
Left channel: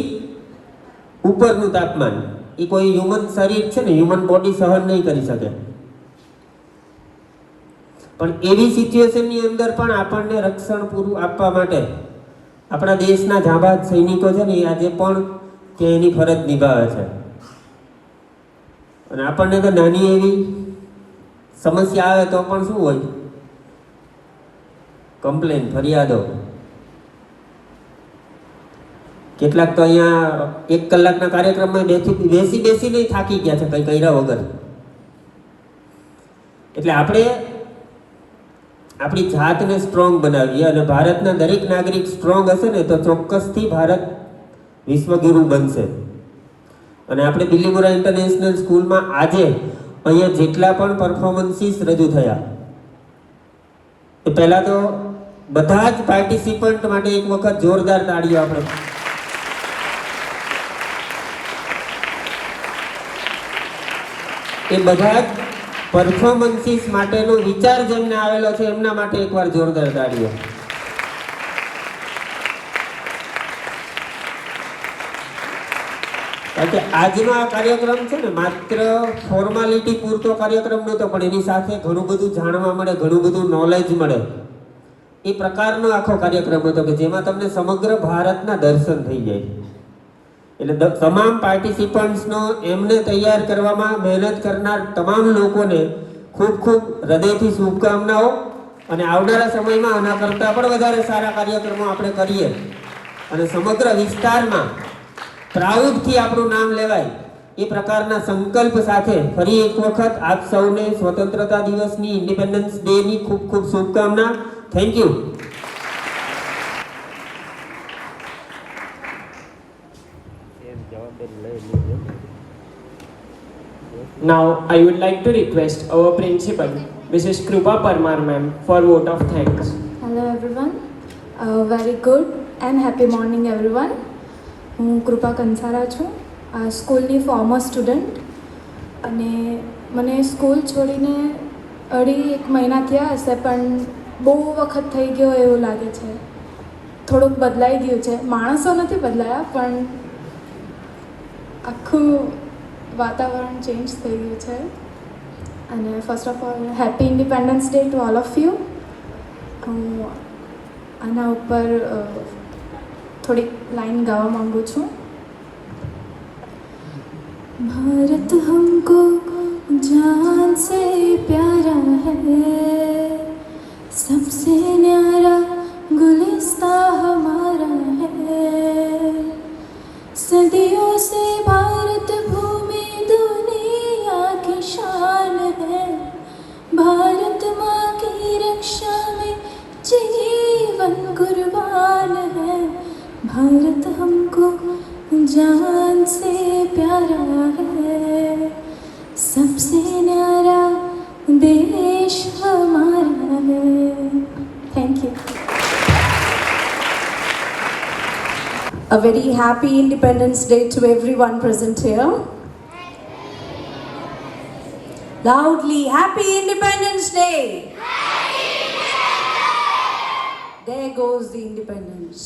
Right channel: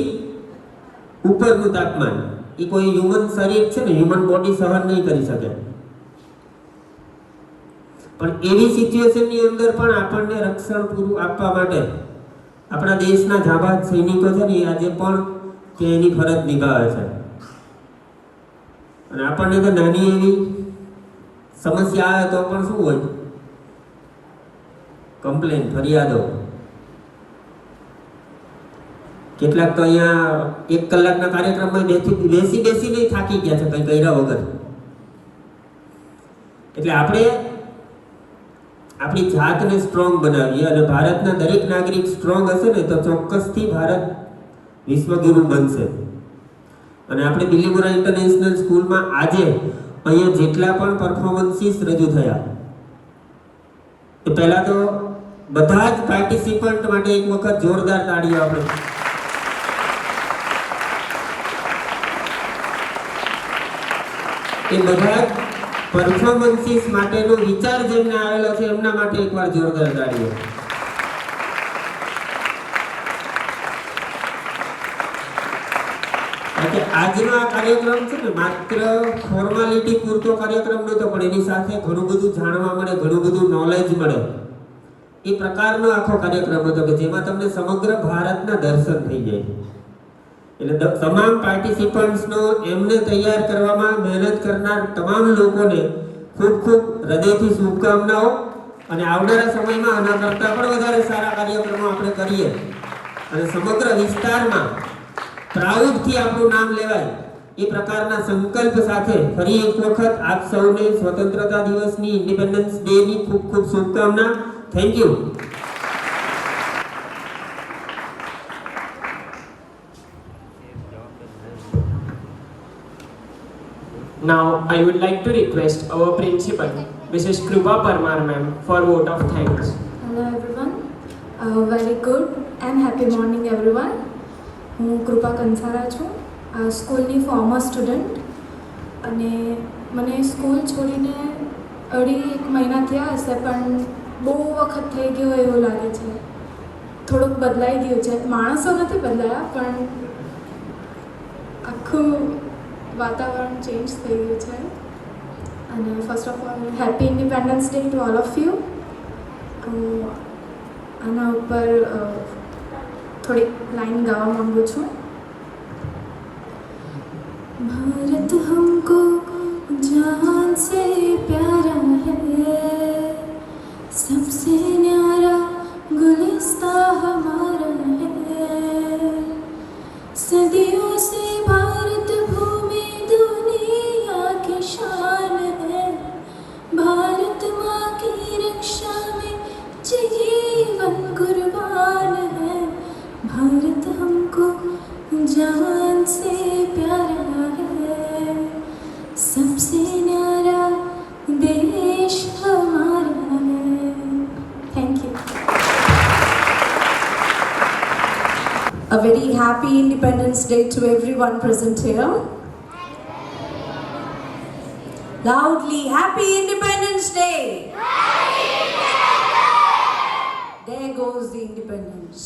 ઉપરનું તાપમાન એ કોઈ હ્યુમન શરીર છે ને, હ્યુમન બોડી સહન નહીં કરી શકે. પણ એવી સિચ્યુએશનની અંદર પણ આપણને રક્ષણ પૂરું આપવા માટે આપણા દેશના જાંબાજ સૈનિકો છે ને એ આજે પણ એની ફરજ નિભાવે છે. અને આપણને તો નાની એવી સમસ્યા આવે તો પણ શું હોય, કમ્પ્લેન, ફરિયાદો. કેટલાક તો અહીંયા 1 કલાકના કાર્યક્રમમાં બેસીને થાકી ગયા છે કંઈ કર્યા વગર. એટલે આપણે આપણી જાતને સ્ટ્રોંગ બનાવીએ અને ભારતના દરેક નાગરિક સ્ટ્રોંગ હશે ને તો ચોક્કસથી ભારત વિશ્વગુરુ બનશે. અને આપણે બિલીમોરા ઇન્ટરનેશનલ સ્કૂલમાં આજે અહીંયા જેટલા પણ પરફોર્મન્સીસ રજૂ થયા એ પહેલા તો બધા જ પાર્ટિસિપન્ટ માટે એક વખત જોરદાર તાળીઓ આપણે. એ બધા જ પરફોર્મન્સીસ માટેનો વિચાર જેમને આવેલો છે એમના માટે એકવાર જોરદાર તાળીઓ. કે આજનો આ કાર્યક્રમ છે ને માત્ર ફોર્માલિટી પૂરતો કાર્યક્રમ નહોતો, પણ એની સાથે ઘણું બધું જાણવા મળે, ઘણું બધું નોલેજ મળે. એ પ્રકારનો આખો કાર્યક્રમ હતો કે જેમાં તમને સમગ્ર ભારતના દર્શન થઈ જાય. એટલે તમામ પાર્ટિસિપન્ટ્સનો એમને તૈયાર કરવામાં મહેનત કરનાર તમામ લોકોને ખૂબ ખૂબ હૃદયથી શુભકામનાઓ. અને આવનારા સમયમાં આના કરતાં પણ વધારે સારા કાર્યક્રમો આપણે કરીએ અને સમગ્ર વિસ્તારમાં પ્રાઉડથી આપણું નામ લેવાય એ પ્રકારના સંકલ્પ સાથે ફરી એક વખત આપ સૌને સ્વતંત્રતા દિવસની, ઇન્ડિપેન્ડન્સ ડેની ખૂબ ખૂબ શુભકામના. Thank you. Now I would like to request our principal, Mrs. Krupa Parmar ma'am, for vote of thanks. Hello everyone. Very good and happy morning everyone. હું કૃપા કંસારા છું, સ્કૂલની ફોર્મર સ્ટુડન્ટ. અને મને સ્કૂલ છોડીને 2.5 મહિના થયા હશે, પણ બહુ વખત થઈ ગયો એવું લાગે છે. થોડુંક બદલાઈ ગયું છે. માણસો નથી બદલાયા, પણ આખું વાતાવરણ ચેન્જ થઈ ગયું છે. અને first of all happy independence day to all of you. આના ઉપર थोड़ी लाइन गावा मांगू छू. भारत हमको जान से प्यारा है, सबसे न्यारा गुलिस्ता हमारा है. सदियों से भारत भूमि दुनिया की शान है. भारत माँ की रक्षा में जीवन कुर्बान है. भारत हमको जान से प्यारा है, सबसे न्यारा देश हमारा है. Thank you. A very happy Independence Day to everyone present here. Loudly, Happy Independence Day! There goes the independence.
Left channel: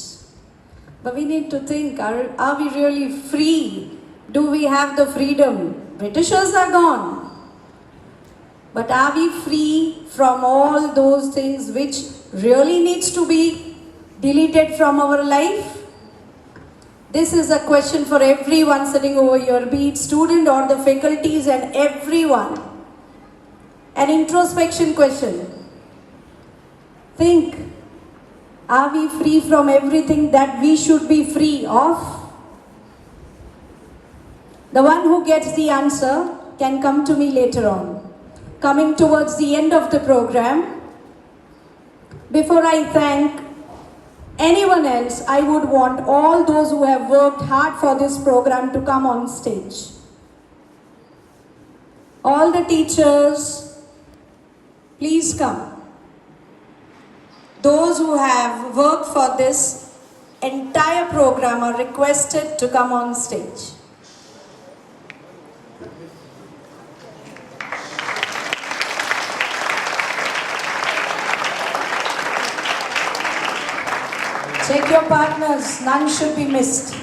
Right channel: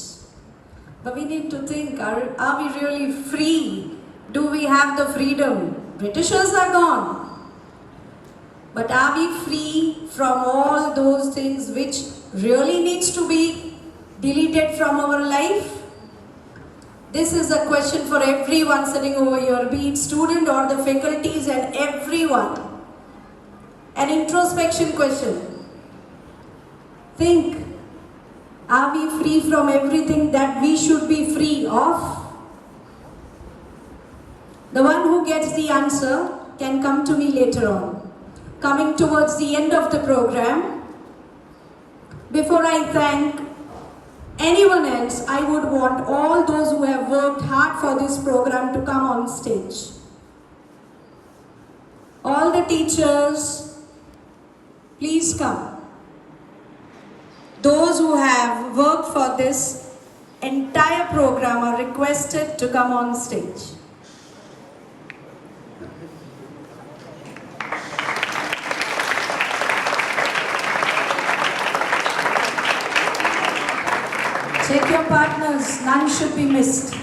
But we need to think, are we really free? Do we have the freedom? Britishers are gone. But are we free from all those things which really needs to be deleted from our life? This is a question for everyone sitting over here, be it student or the faculties and everyone. An introspection question. Think. Are we free from everything that we should be free of? The one who gets the answer can come to me later on. Coming towards the end of the program, before I thank anyone else, I would want all those who have worked hard for this program to come on stage. All the teachers, please come. Those who have worked for this entire program are requested to come on stage. Check your partners, none should be missed.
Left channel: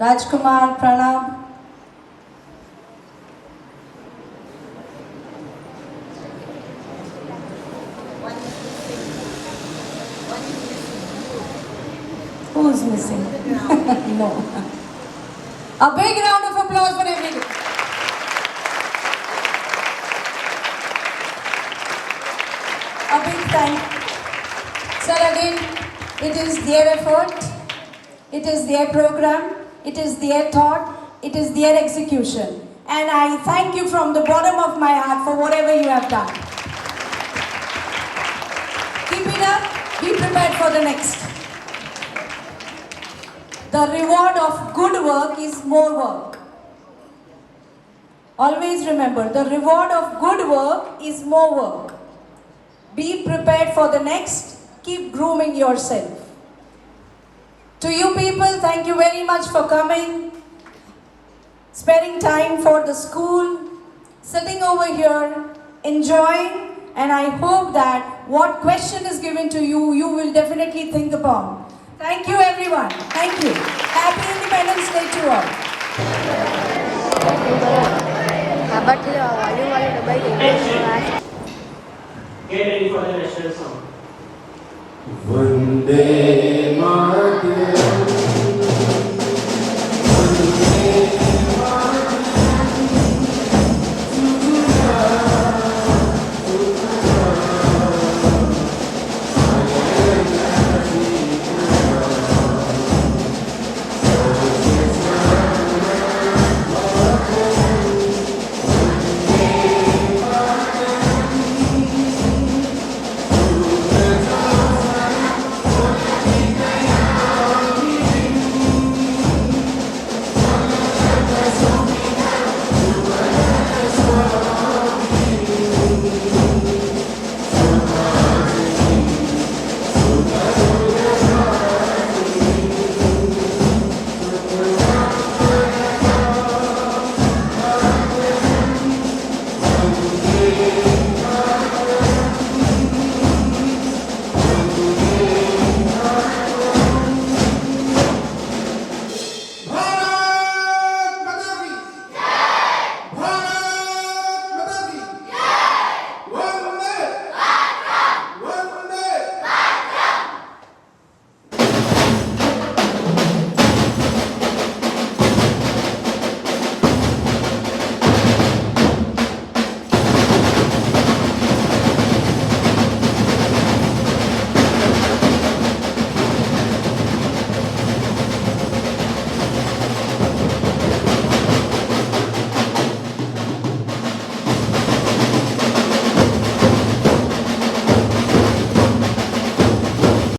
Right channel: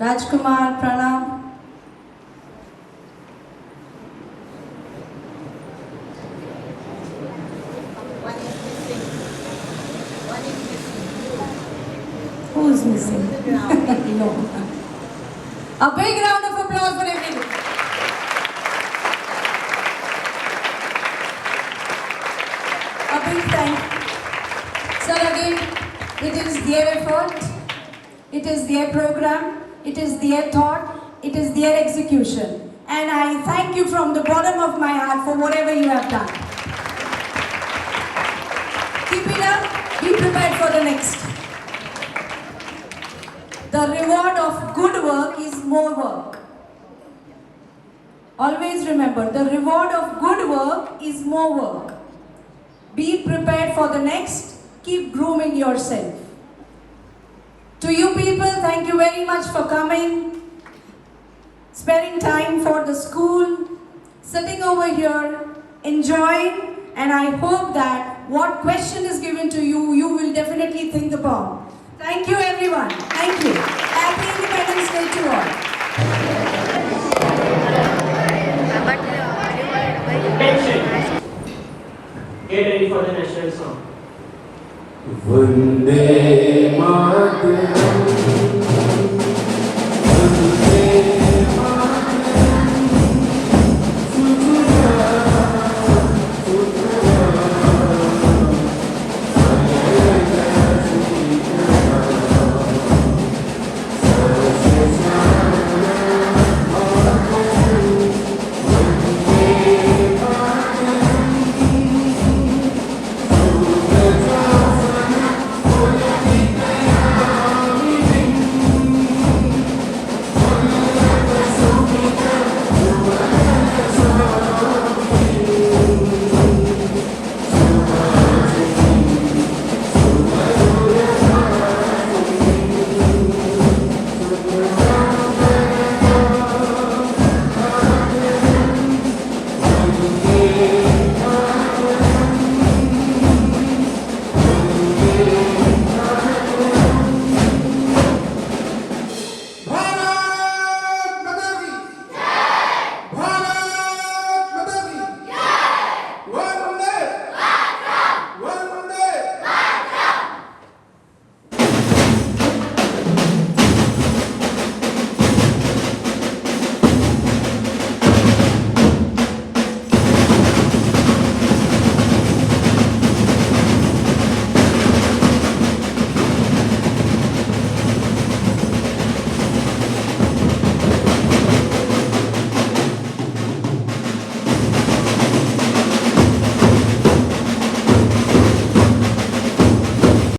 Rajkumar, Pranab. Who's missing? No. A big round of applause for everyone. A big thank. Sir, again, it is their effort, it is their program, it is their thought, it is their execution. And I thank you from the bottom of my heart for whatever you have done. Keep it up, be prepared for the next. The reward of good work is more work. Always remember, the reward of good work is more work. Be prepared for the next. Keep grooming yourself. To you people, thank you very much for coming, sparing time for the school, sitting over here, enjoying, and I hope that what question is given to you, you will definitely think upon. Thank you everyone. Thank you. Happy Independence Day to all. Get ready for the national song. Vande